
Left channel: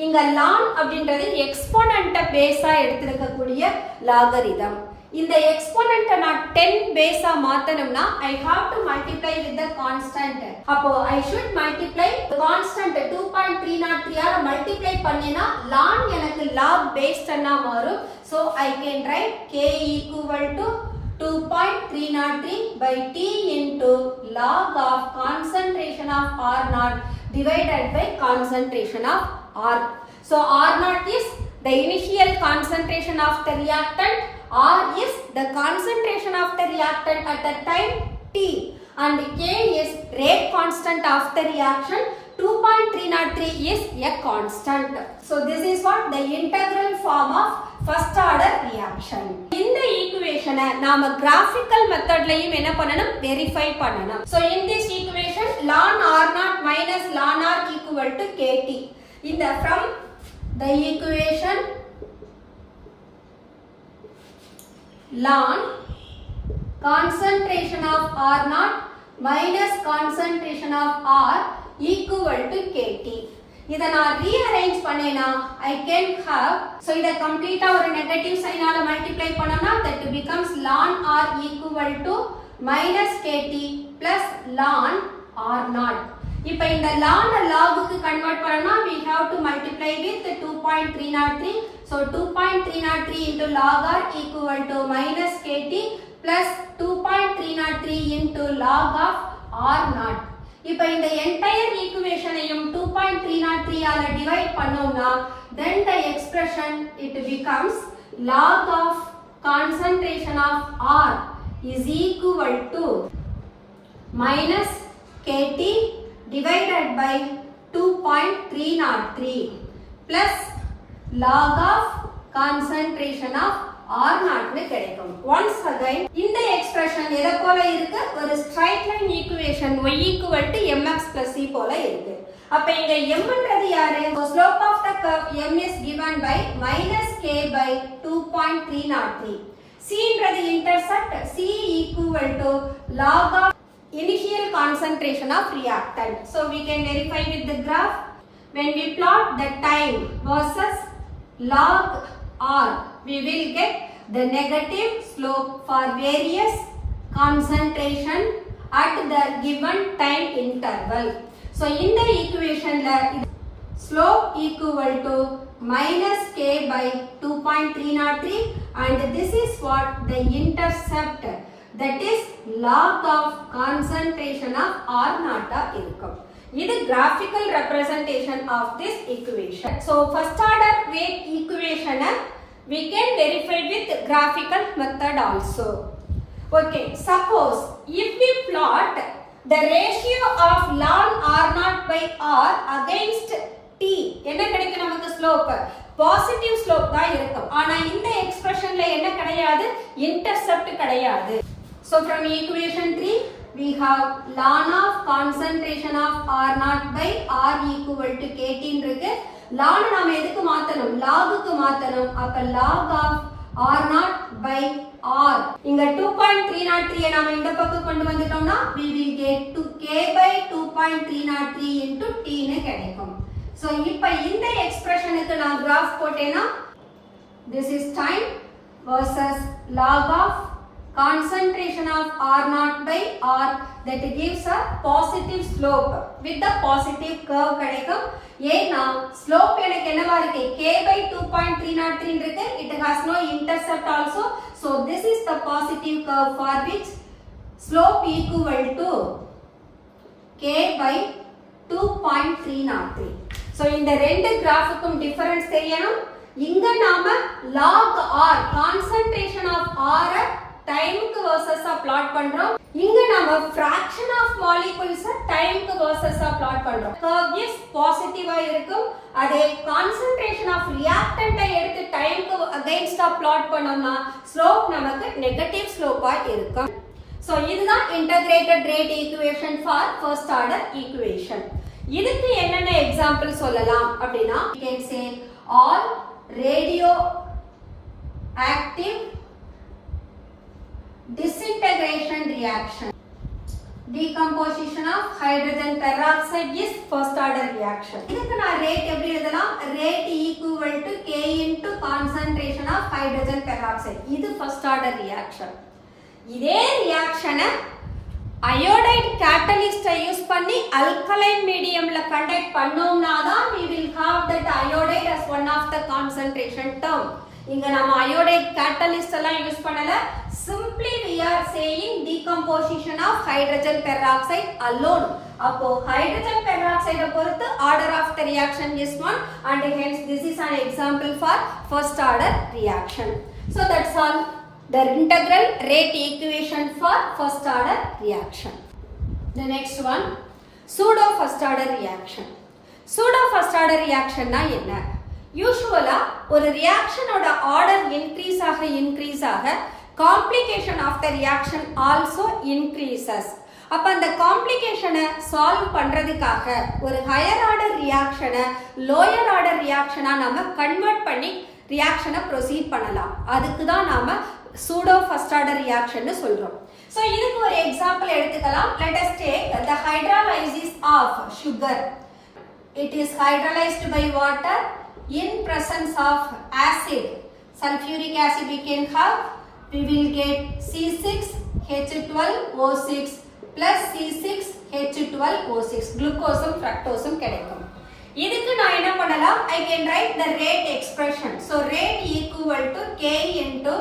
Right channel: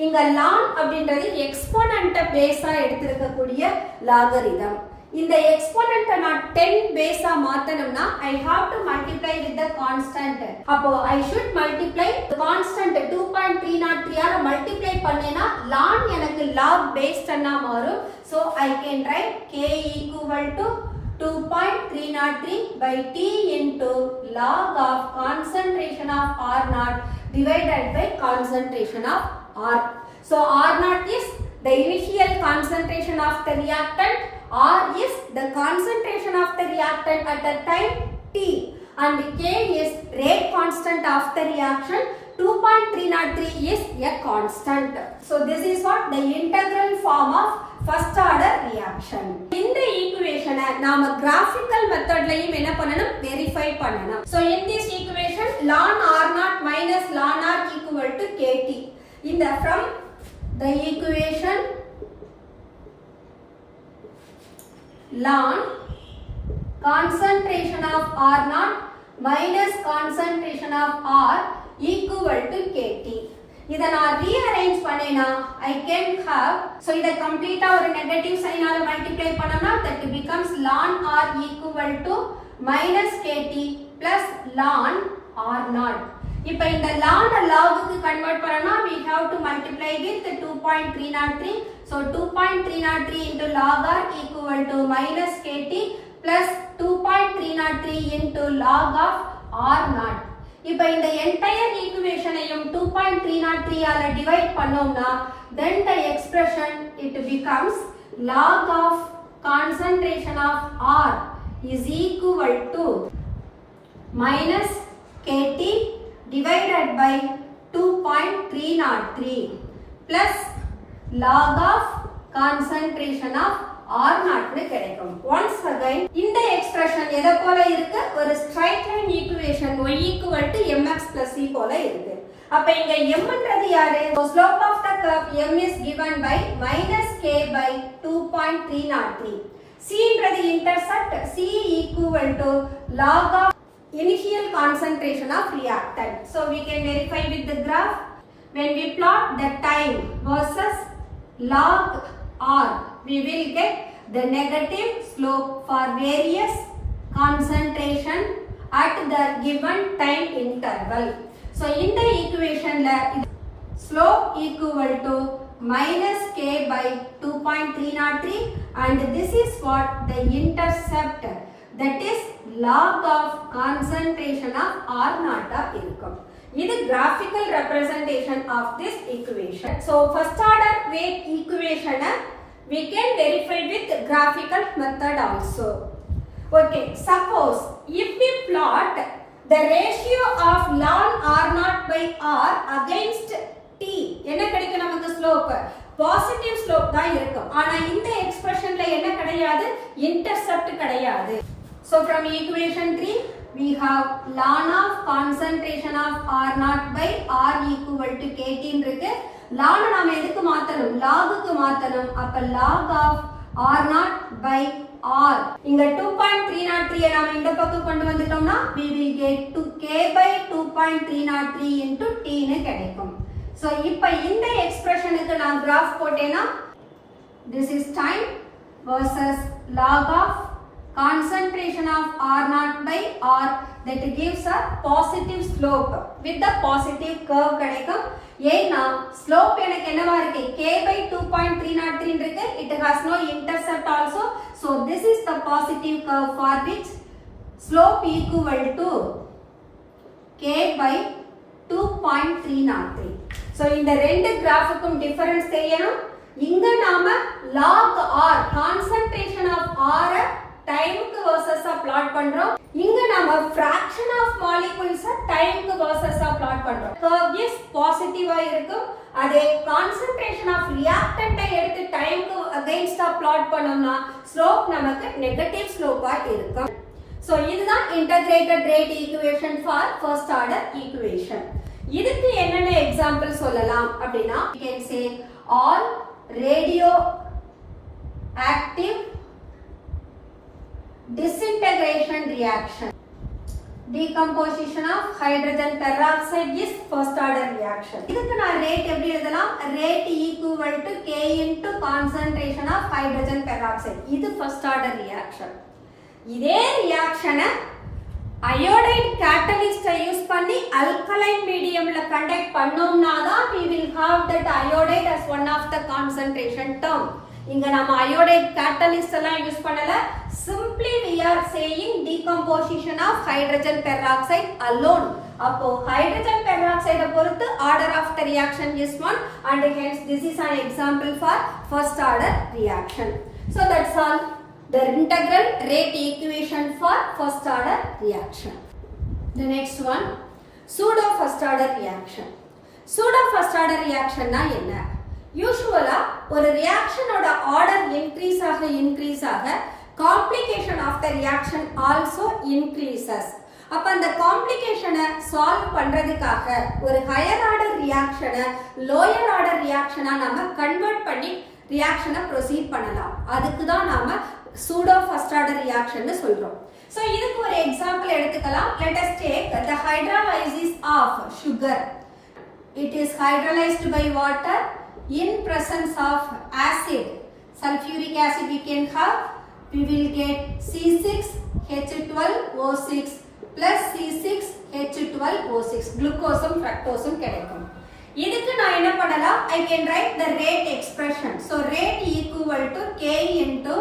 இங்க ln அப்படின்றது எக்ஸ்போனன்ட்ட பேஸா எடுத்திருக்கக்கூடிய logarithm. இந்த எக்ஸ்போனன்ட்ட நான் 10 பேஸா மாத்தணும்னா I have to multiply with the constant. அப்போ I should multiply constant 2.303 ஆல multiply பண்ணேனா ln எனக்கு log based அண்ணா மாறும். So I can write k equal to 2.303 by t into log of concentration of R0 divided by concentration of R. So R0 is the initial concentration of the reactant, R is the concentration of the reactant at the time t, and K is rate constant of the reaction. 2.303 is a constant. So this is what the integral form of first order reaction. இந்த equation நாம graphical methodலயும் என்ன பண்ணணும், verify பண்ணணும். So in this equation ln R0 minus ln R equal to KT. இந்த from the equation ln concentration of R0 minus concentration of R equal to KT. இதை நான் rearrange பண்ணேனா I can have, so இதை கம்ப்ளீட்டா ஒரு negative சைனால multiply பண்ணோம்னா that becomes ln R equal to minus KT plus ln R0. இப்போ இந்த ln logக்கு convert பண்ணனும்னா we have to multiply with 2.303. So 2.303 into log R equal to minus KT plus 2.303 into log of R0. இப்போ இந்த entire equation ஐயும் 2.303 ஆல divide பண்ணோம்னா then the expression it becomes log of concentration of R is equal to minus KT divided by 2.303 plus log of concentration of R0 னு கிடைக்கும். once again இந்த expression எதை போல இருக்கு, ஒரு straight line equation y equal to mx plus c போல இருக்கு. அப்ப இங்க m ன்றது யாரு, slope of the curve m is given by minus k by 2.303. c ன்றது intercept, c equal to log of initial concentration of reactant. So we can verify with the graph. When we plot the time versus log R, we will get the negative slope for various concentration at the given time interval. So in the equation la slope equal to minus k by 2.303 and this is what the intercept, that is log of concentration of R0 இருக்கும். இது graphical representation of this equation. So first order rate equation we can verify with graphical method also. Okay, suppose if we plot the ratio of ln R0 by R against t, என்ன கிடைக்கும் நமக்கு slope, positive slope தான் இருக்கும். ஆனா இந்த எக்ஸ்பிரஷன்ல என்ன கிடையாது, intercept கிடையாது. So from equation 3 we have ln of concentration of R0 by R equal to KT இருக்கு. ln நாம எதுக்கு மாத்தணும், logக்கு மாத்தணும். அப்ப log of R0 by R, இங்க 2.303 நாம இந்த பக்கம் கொண்டு வந்துட்டோம்னா we will get to k by 2.303 into t னு கிடைக்கும். So இப்ப இந்த எக்ஸ்பிரஷனுக்கு நான் graph போட்டேனா this is time versus log of concentration of R0 by R, that gives a positive slope with the positive curve கிடைக்கும். ஏன்னா slope எனக்கு என்னவா இருக்கு, k by 2.303 இருக்கு, it has no intercept also. So this is the positive curve for which slope equal to k by 2.303. So இந்த ரெண்டு கிராஃபுக்கும் difference தெரியணும். இங்க நாம log R concentration of R டைமுக்கு வெர்சஸா பிளாட் பண்றோம். இங்க நாம fraction of molecules டைமுக்கு வெர்சஸா பிளாட் பண்றோம். curve is பாசிட்டிவா இருக்கும். அதே concentration of reactant எடுத்து டைமுக்கு அகைன்ஸ்டா பிளாட் பண்ணோம்னா ஸ்லோப் நமக்கு நெகட்டிவ் ஸ்லோப்பா இருக்கும். சோ இதுதான் integrated rate equation for first order equation. இதுக்கு என்னென்ன எக்ஸாம்பிள் சொல்லலாம் அப்படின்னா you can say all radioactive disintegration reaction. decomposition of hydrogen peroxide is first order reaction. இதுக்கு நான் rate எப்படி எழுதலாம்? Rate equal to K into concentration of hydrogen peroxide. இது first order reaction. இதே reaction iodide catalyst யூஸ் பண்ணி alkaline mediumல conduct பண்ணோம்னா தான் we will have that iodide as one of the concentration term. இங்க நம்ம iodide catalyst எல்லாம் use பண்ணல. Simply we are saying decomposition of hydrogen peroxide alone. அப்போ hydrogen peroxide பொறுத்து order of the reaction is 1 and hence this is an example for first order reaction. So that's all. The integral rate equation for first order reaction. The next one, pseudo first order reaction. Pseudo first order reaction na enna? Usually ஒரு reaction oda order increase ஆக complication of the reaction also increases. அப்ப அந்த complication solve பண்றதுக்காக ஒரு higher order reaction lower order reaction நாம convert பண்ணி reaction proceed பண்ணலாம். அதுக்கு தான் நாம pseudo first order reaction னு சொல்றோம். So இதுக்கு ஒரு example எடுத்துக்கலாம். Let us take the hydrolysis of sugar. It is hydrolyzed by water in presence of acid. Sulfuric acid we can have. We will get C6H12O6 plus C6H12O6. Glucose fructose கிடைக்கும். இதுக்கு நான் என்ன பண்ணலாம்? I can write the rate expression. So rate equal to K into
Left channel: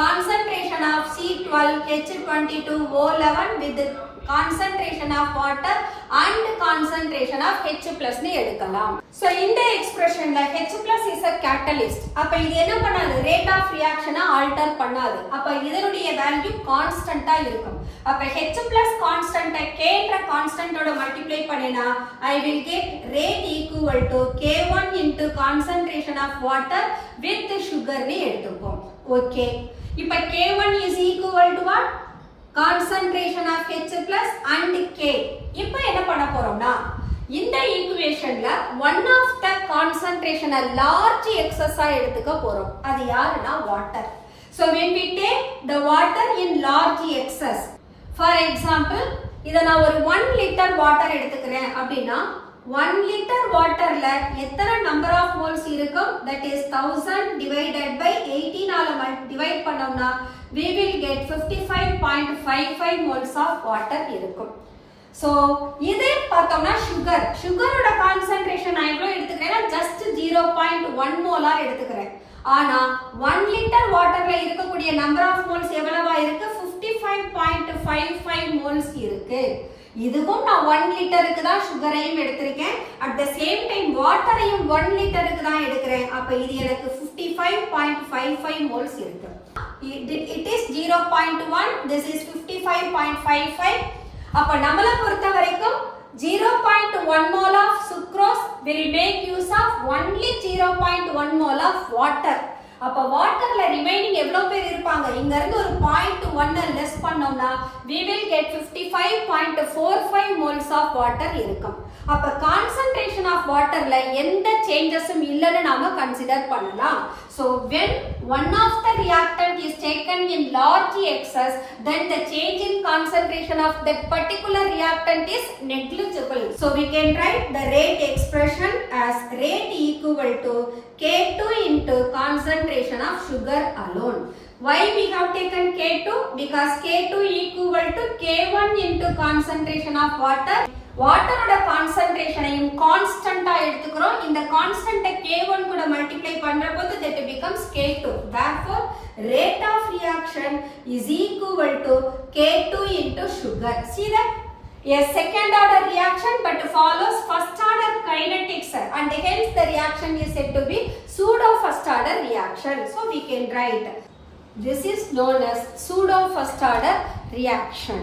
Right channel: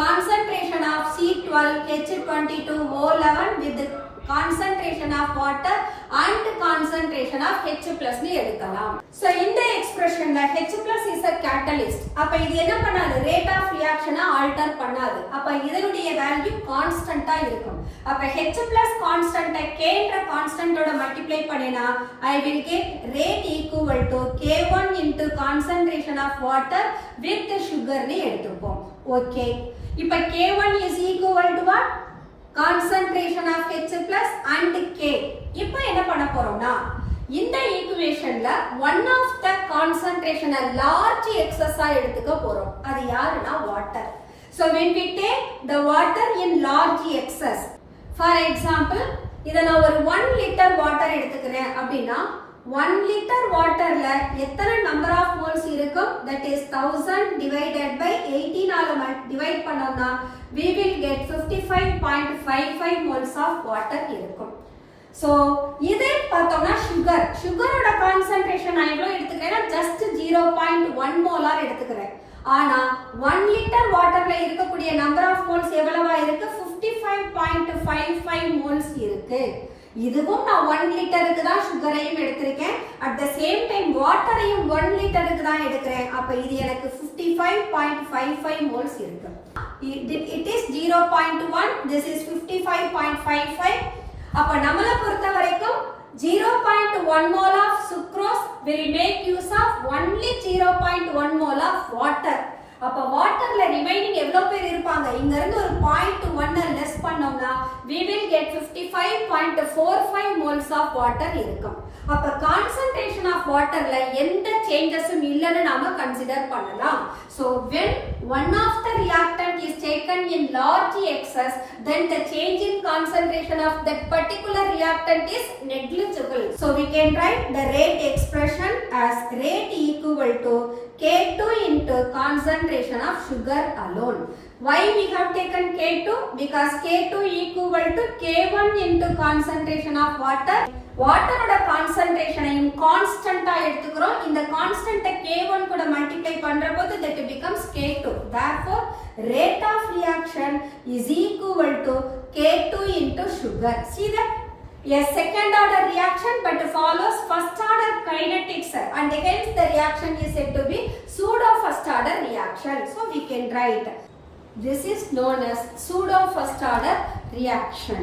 concentration of C12H22O11 with the concentration of water and concentration of H plus னு எடுக்கலாம். So இந்த expressionல H plus is a catalyst. அப்ப இது என்ன பண்ணாது? Rate of reaction alter பண்ணாது. அப்ப இதனுடைய value constant இருக்கும். அப்ப H plus constant K என்ற constant ஓட multiply பண்ணினா I will get rate equal to K1 into concentration of water with the sugar னு எடுத்துப்போம். Okay. இப்ப K1 is equal to what? Concentration of H plus and K. இப்ப என்ன பண்ண போறோம்னா இந்த ஈக்குவேஷன்ல one of the concentration large excess எடுத்துக்க போறோம். அது யாருன்னா water. So when we take the water in large excess, for example இத நான் ஒரு 1 liter water எடுத்துக்கிறேன் அப்படினா 1 liter waterல எத்தனை number of moles இருக்கும்? That is 1000 divided by 18 ஆல divide பண்ணோம்னா we will get 55.55 moles of water இருக்கும். So இதே பார்த்தோம்னா சுகரோட கான்சன்ட்ரேஷன் நான் எவ்வளவு எடுத்துக்கிறேன்னா just 0.1 molar எடுத்துக்கிறேன். ஆனா 1 liter waterல இருக்கக்கூடிய number of moles எவ்வளவா இருக்கு? 55.55 moles இருக்கு. இதுவும் நான் 1 லிட்டருக்கு தான் சுகரையும் எடுத்திருக்கேன். at the same time வாட்டரையும் 1 லிட்டருக்கு தான் எடுக்கிறேன். அப்ப இது எனக்கு 55.55 moles இருக்கு. It is 0.1, this is 55.55. அப்ப நம்மள பொறுத்த வரைக்கும் 0.1 mole of sucrose will make use of only 0.1 mole of water. அப்ப வாட்டர்ல ரிமைனிங் எவ்வளவு பேர் இருப்பாங்க? இங்க இருந்து ஒரு 0.1 லெஸ் பண்ணோம்னா we will get 55.45 moles of water இருக்கும். அப்ப கான்சன்ட்ரேஷன் ஆஃப் வாட்டர்ல எந்த சேஞ்சஸும் இல்லன்னு நாம கன்சிடர் பண்ணலாம். So when one of the reactant is taken in large excess, then the change in concentration of that particular reactant is negligible. So we can write the rate expression as rate equal to K2 into concentration of sugar alone. Why we have taken K2? Because K2 equal to K1 into concentration of water. Water oda concentration ayum constant ah eduthukrom. இந்த constant K1 கூட multiply பண்றப்போ that becomes K2. Therefore rate of reaction is equal to K2 into sugar. See that? A second order reaction but follows first order kinetics and hence the reaction is said to be pseudo first order reaction. So we can write this is known as pseudo first order reaction.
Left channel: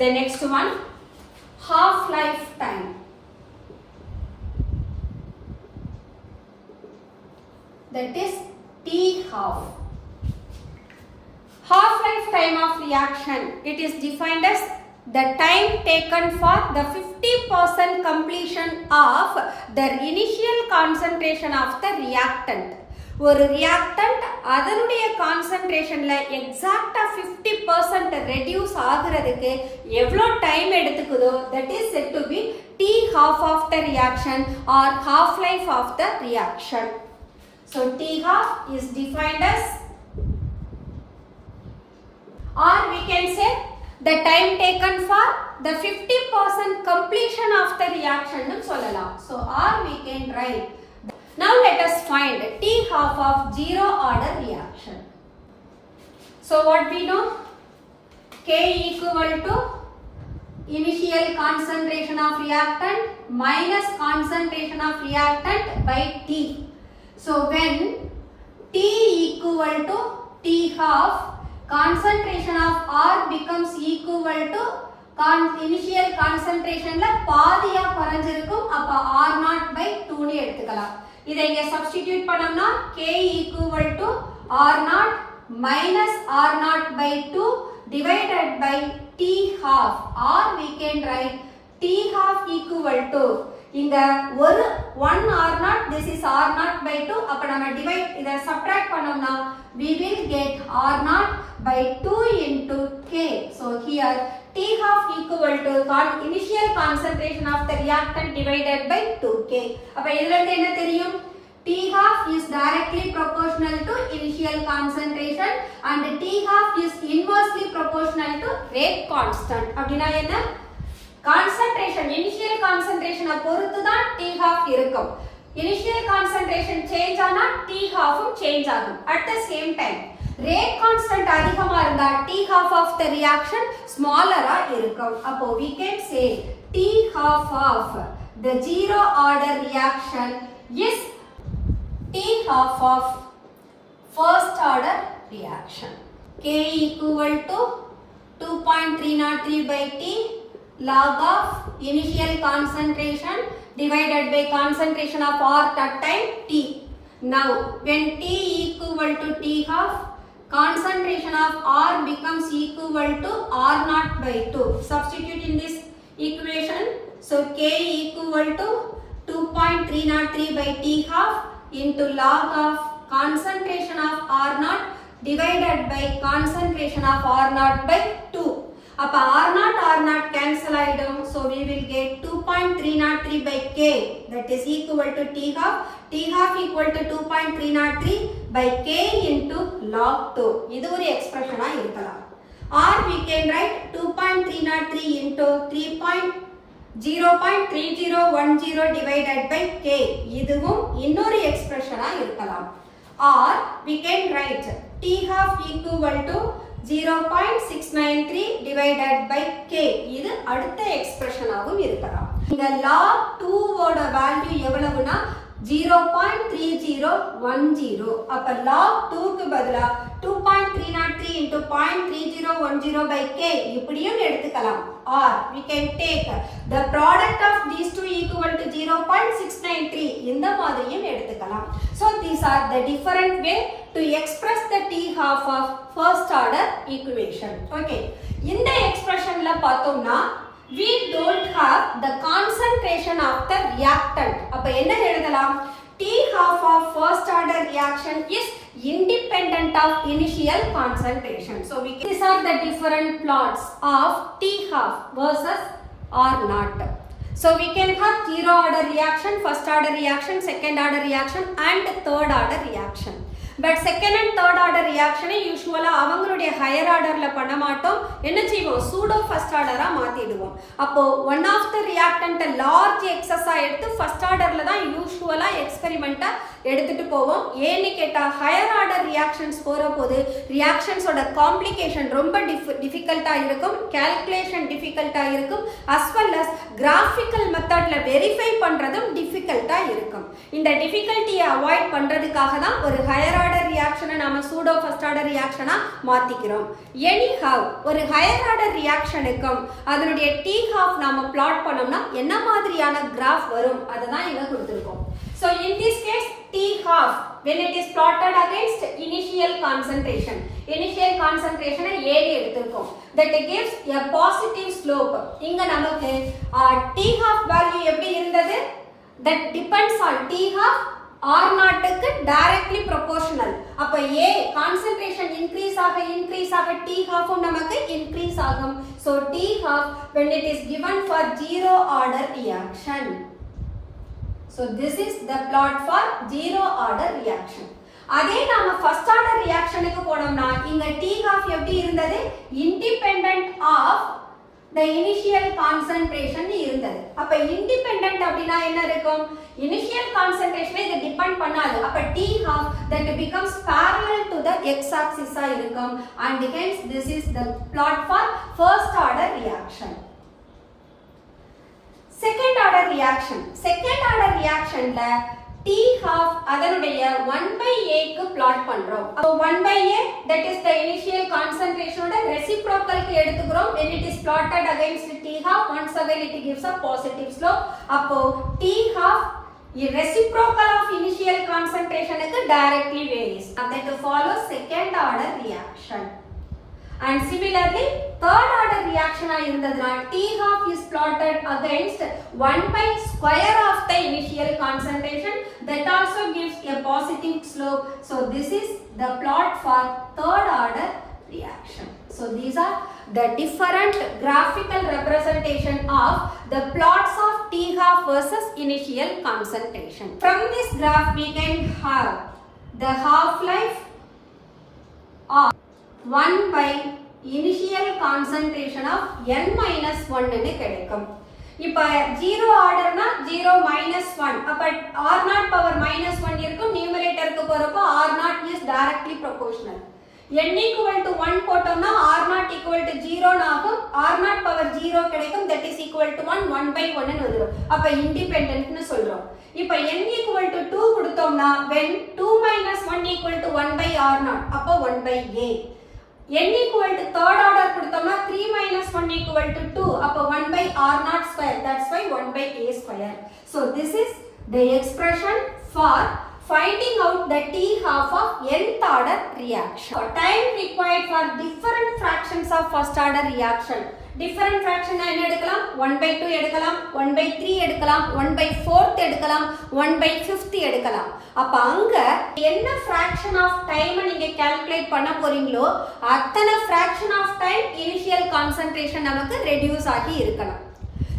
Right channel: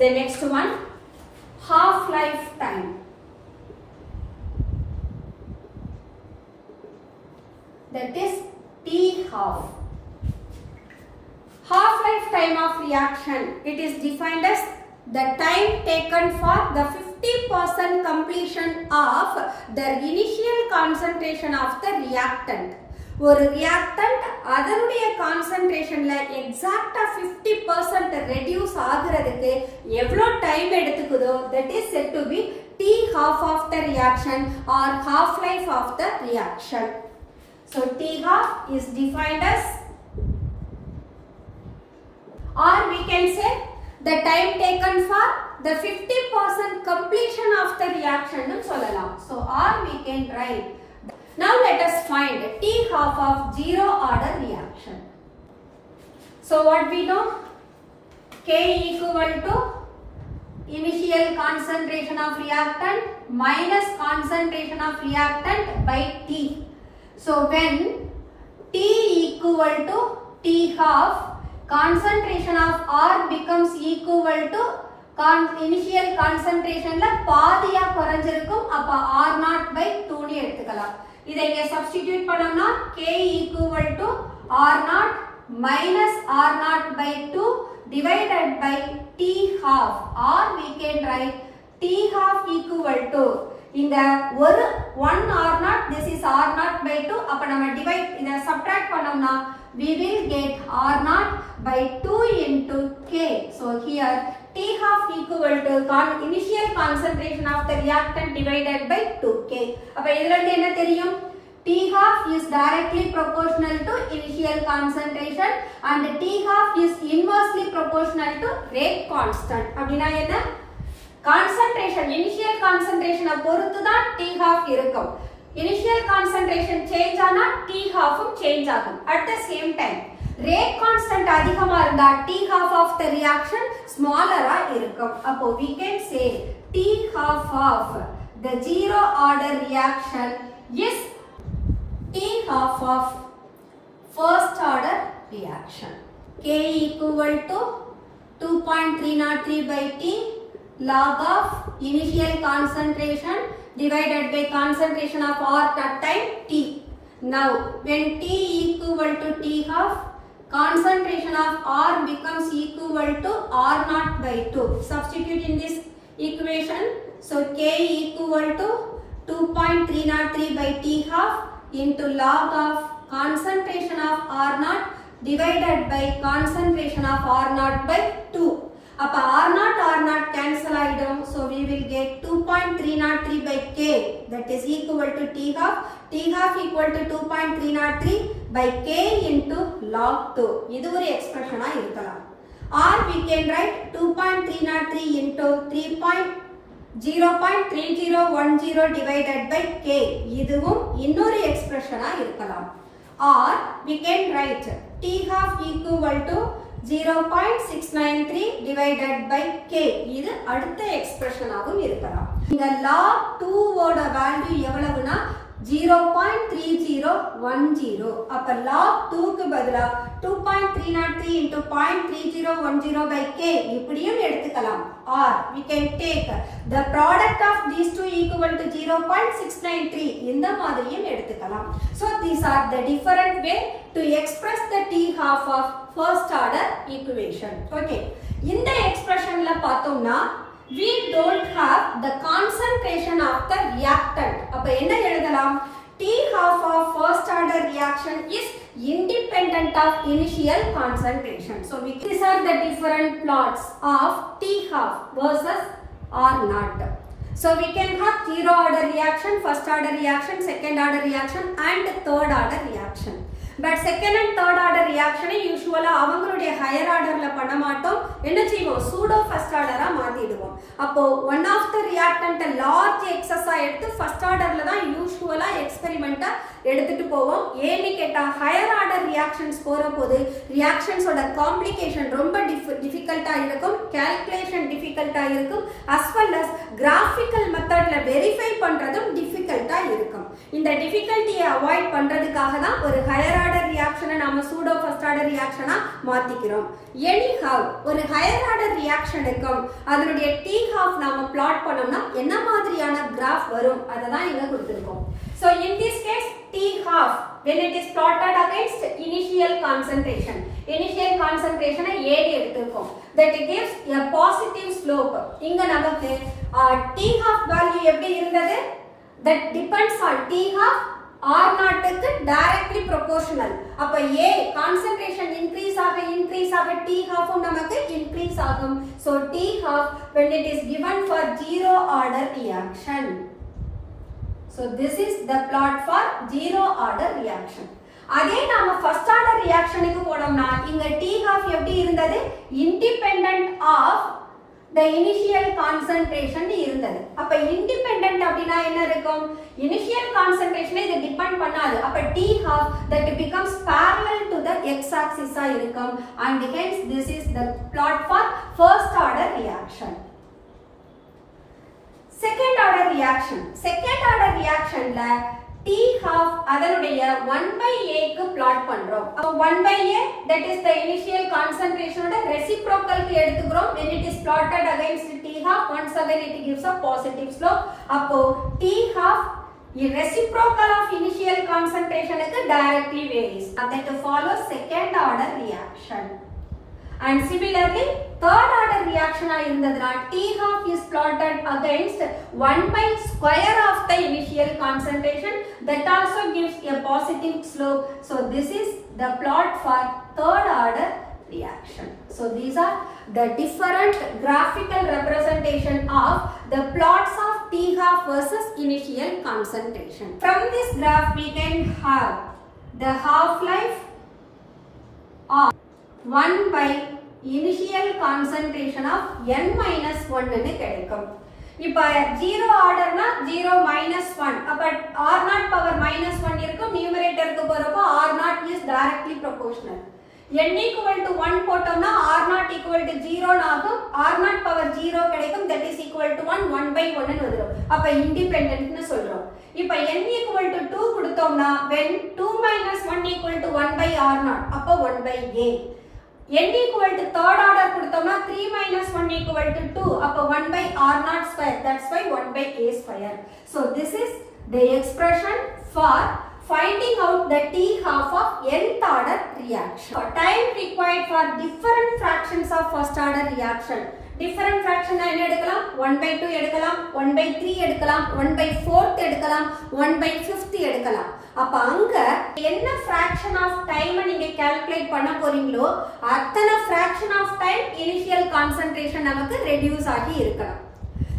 The next one, half-life time. That is T half. Half-life time of reaction, it is defined as the time taken for the 50% completion of the initial concentration of the reactant. ஒரு reactant அதனுடைய கான்சன்ட்ரேஷன்ல எக்ஸாக்டா 50% reduce ஆகுறதுக்கு எவ்வளோ time எடுத்துக்குதோ that is set to be T half of the reaction or half life of the reaction. So T half is defined as, or we can say the time taken for the 50% completion of the reaction nu sollalam. So or we can write. Now let us find T half of zero order reaction. So what we know? K equal to initial concentration of reactant minus concentration of reactant by T. So when T equal to T half, concentration of R becomes equal to initial concentration la பாதியா குறைஞ்சிருக்கும். அப்ப R0 by 2 னு எடுத்துக்கலாம். இதை இங்க substitute பண்ணோம்னா K equal to R0 minus R0 by 2 divided by T half, or we can write T half equal to இந்த ஒரு 1 R0, this is R0 by 2. அப்ப நம்ம divide இதை subtract பண்ணோம்னா we will get R0 by 2 into K. So here T half equal to initial concentration of the reactant divided by 2K. அப்ப இதுல இருந்து என்ன தெரியும்? T half is directly proportional to initial concentration and T half is inversely proportional to rate constant. அப்படினா என்ன? Concentration, initial concentration பொறுத்து தான் T half இருக்கும். Initial concentration change ஆனா T half change ஆகும். At the same time, rate constant அதிகமா இருந்தா T half of the reaction smaller இருக்கும். அப்போ we can say T half of the zero order reaction is T half of first order reaction. K equal to 2.303 by T log of initial concentration divided by concentration of R at time T. Now when T equal to T half, concentration of R becomes equal to R0 by 2. Substitute in this equation. So K equal to 2.303 by T half into log of concentration of R0 divided by concentration of R0 by 2. அப்ப R0 cancel ஆயிடும். So we will get 2.303 by K, that is equal to T half. T half equal to 2.303 by K into log 2. இது ஒரு எக்ஸ்பிரஷனா இருக்கலாம். Or we can write 2.303 into 0.3010 divided by K. இதுவும் இன்னொரு எக்ஸ்பிரஷனா இருக்கலாம். Or we can write T half equal to 0.693 divided by K. இது அடுத்த எக்ஸ்பிரஷனாகவும் இருக்கலாம். இங்க log 2 ஓட வேல்யூ எவ்வளவுனா 0.3010. அப்ப log 2 க்கு பதிலா 2.303 into 0.3010 by K இப்படியும் எடுத்துக்கலாம். Or we can take the product of these two equal to 0.693. இந்த மாதிரியும் எடுத்துக்கலாம். So these are the different way to express the T half of first order equation. Okay. இந்த expressionல பார்த்தோம்னா we don't have the concentration of the reactant. அப்ப என்ன எழுதலாம்? T half of first order reaction is independent of initial concentration. So these are the different plots of T half versus R0. So we can have zero order reaction, first order reaction, second order reaction and third order reaction. But second and third order reaction usually அவங்களுடைய higher orderல பண்ண மாட்டோம். என்ன செய்வோம்? pseudo first order மாத்திடுவோம். அப்போ one of the reactant large excess எடுத்து first orderல தான் usually experiment எடுத்துட்டு போவோம். ஏன்னு கேட்டா higher order reactions போறபோது reactions ஓட complication ரொம்ப difficult-ஆ இருக்கும், calculation difficult-ஆ இருக்கும், as well as graphical methodல verify பண்றதும் difficult-ஆ இருக்கும். இந்த difficulty-யை avoid பண்றதுக்காக தான் ஒரு higher order reaction நாம pseudo first order reaction மாத்திக்கிறோம். Anyhow ஒரு higher order reaction-க்கும் அதனுடைய T half நாம plot பண்ணோம்னா என்ன மாதிரியான graph வரும் அததான் இங்க கொடுத்திருக்கோம். So in this case T half when it is plotted against initial concentration A எடுத்துக்கோம், that gives a positive slope. இங்க நமக்கு T half value எப்படி இருந்தது? That depends on T half R நாட்டுக்கு directly proportional. அப்ப A concentration increase ஆக T half நமக்கு increase ஆகும். So T half when it is given for zero order reaction. So this is the plot for zero order reaction. அதே நாம first order reactionக்கு போனோம்னா இங்க T half எப்படி இருந்தது? Independent of the initial concentration இருந்தது. அப்ப independent அப்படினா என்ன இருக்கும்? Initial concentration இது depend பண்ணாது. அப்ப T half that becomes parallel to the x axis ஆ இருக்கும். And hence this is the plot for first order reaction. Second order reactionல T half அதனுடைய 1 by A க்கு plot பண்றோம். அப்போ 1 by A that is the initial concentration ஓட reciprocal க்கு எடுத்துக்கிறோம். When it is plotted against T half once again it gives a positive slope. அப்போ T half reciprocal of initial concentration க்கு directly varies. That follows second order reaction. And similarly third order reaction ஆ இருந்ததுனா T half is plotted against 1 by square of the initial concentration that also gives a positive slope. So this is the plot for third order reaction. So these are the different graphical representation of the plots of T half versus initial concentration. From this graph we can have the half life of 1 by initial concentration of n minus 1 ன்னு கிடைக்கும். இப்ப 0 ஆர்டர்னா 0 minus 1 அப்ப r0 power minus 1 இருக்கும். நியூமரேட்டருக்கு போறப்போ r0 is directly proportional. n equal to 1 போட்டோம்னா r0 equal to 0 ஆகும். r0 power 0 கிடைக்கும். that is equal to 1 by 1 ன்னு வந்துரும். அப்ப independent ன்னு சொல்றோம். இப்ப n equal to 2 கொடுத்தோம்னா when 2 minus 1 equal to 1 by r0 அப்ப 1 by a. n equal to third order கொடுத்தோம்னா 3 minus 1 equal to 2 அப்ப 1 by r0 square. That's why 1 by a square. So this is the expression for finding out the T half of nth order reaction. Time required for different fractions of first order reaction. Different fraction என்ன எடுக்கலாம்? 1 by 2 எடுக்கலாம், 1 by 3 எடுக்கலாம், 1 by 4th எடுக்கலாம், 1 by 5th எடுக்கலாம். அப்ப அங்க என்ன fraction of time நீங்க calculate பண்ண போறீங்களோ அத்தனை fraction of time initial concentration நமக்கு reduce ஆகி இருக்கலாம்.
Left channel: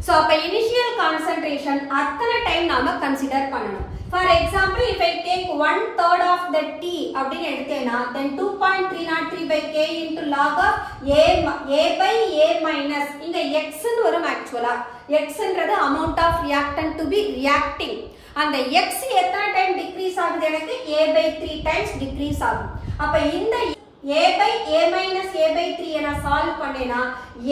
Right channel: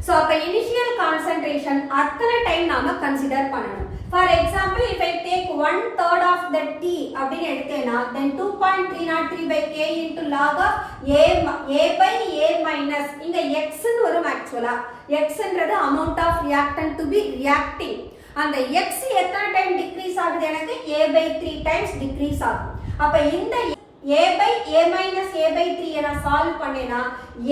So அப்ப initial concentration அத்தனை time நாம consider பண்ணணும். For example, if I take 1/3 of the T அப்படின்னு எடுத்தேனா then 2.303 by K into log of A by A minus இங்க X ன்னு வரும் actually. X ன்றது amount of reactant to be reacting. அந்த X எத்தனை டைம் டிக்ரீஸ் ஆகுது? எனக்கு A by 3 times டிக்ரீஸ் ஆகும். அப்ப இந்த A by A minus A by 3 என சால்வ் பண்ணேனா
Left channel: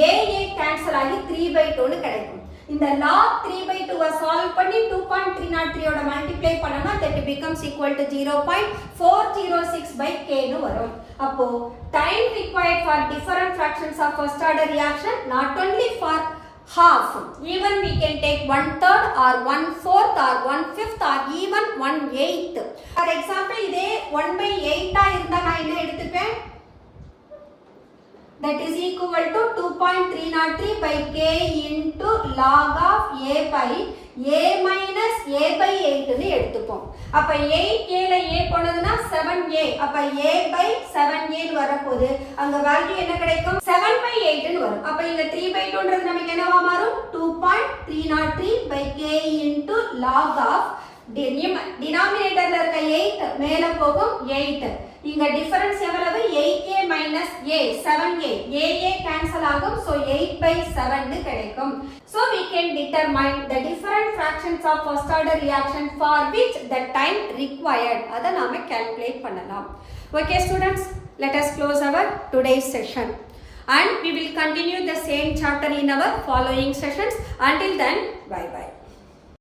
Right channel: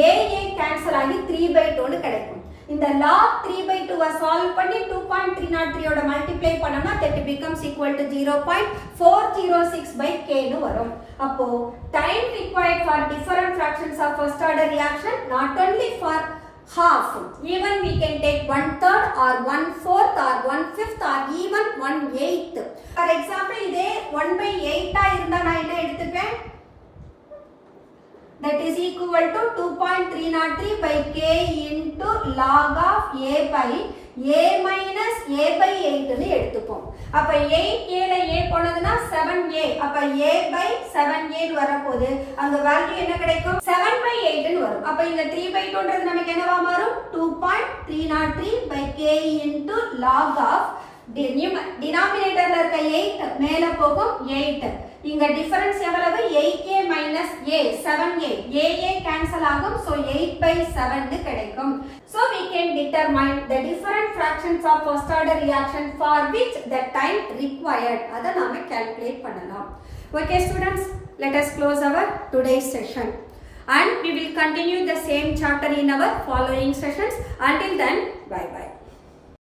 A கேன்சல் ஆகி 3 by 2 ன்னு கிடைக்கும். இந்த log 3 by 2 சால்வ் பண்ணி 2.303 ஓட மல்டிப்ளை பண்ணோம்னா that becomes equal to 0.406 by K ன்னு வரும். அப்போ time required for different fractions of first order reaction not only for half, even we can take 1/3 or 1/4 or 1/5 or even 1/8. For example இதே 1 by 8 ஆ இருந்தா நான் என்ன எடுத்துப்பேன்? That is equal to 2.303 by K into log of A by A minus A by 8 ன்னு எடுத்துப்போம். அப்ப 8 ல A போனதுனா 7A. அப்ப A by 7A ன்னு வரப்போது அங்க வேல்யூ என்ன கிடைக்கும்? 7 by 8 ன்னு வரும். அப்ப இங்க 3 by 2 ன்றது நமக்கு என்னவா மாறும்? 2.303 by K into log of denominatorல இருக்க 8 மேல போகும் 8. இங்க டிஃபரன்ஸ் எவ்வளவு? 8A minus A 7A. AA cancel ஆகும். So 8 by 7 ன்னு கிடைக்கும். So we can determine the different fractions of first order reaction for which the time required. அத நாம calculate பண்ணலாம். Okay students, let us close our today's session and we will continue the same chapter in our following sessions. Until then, bye bye.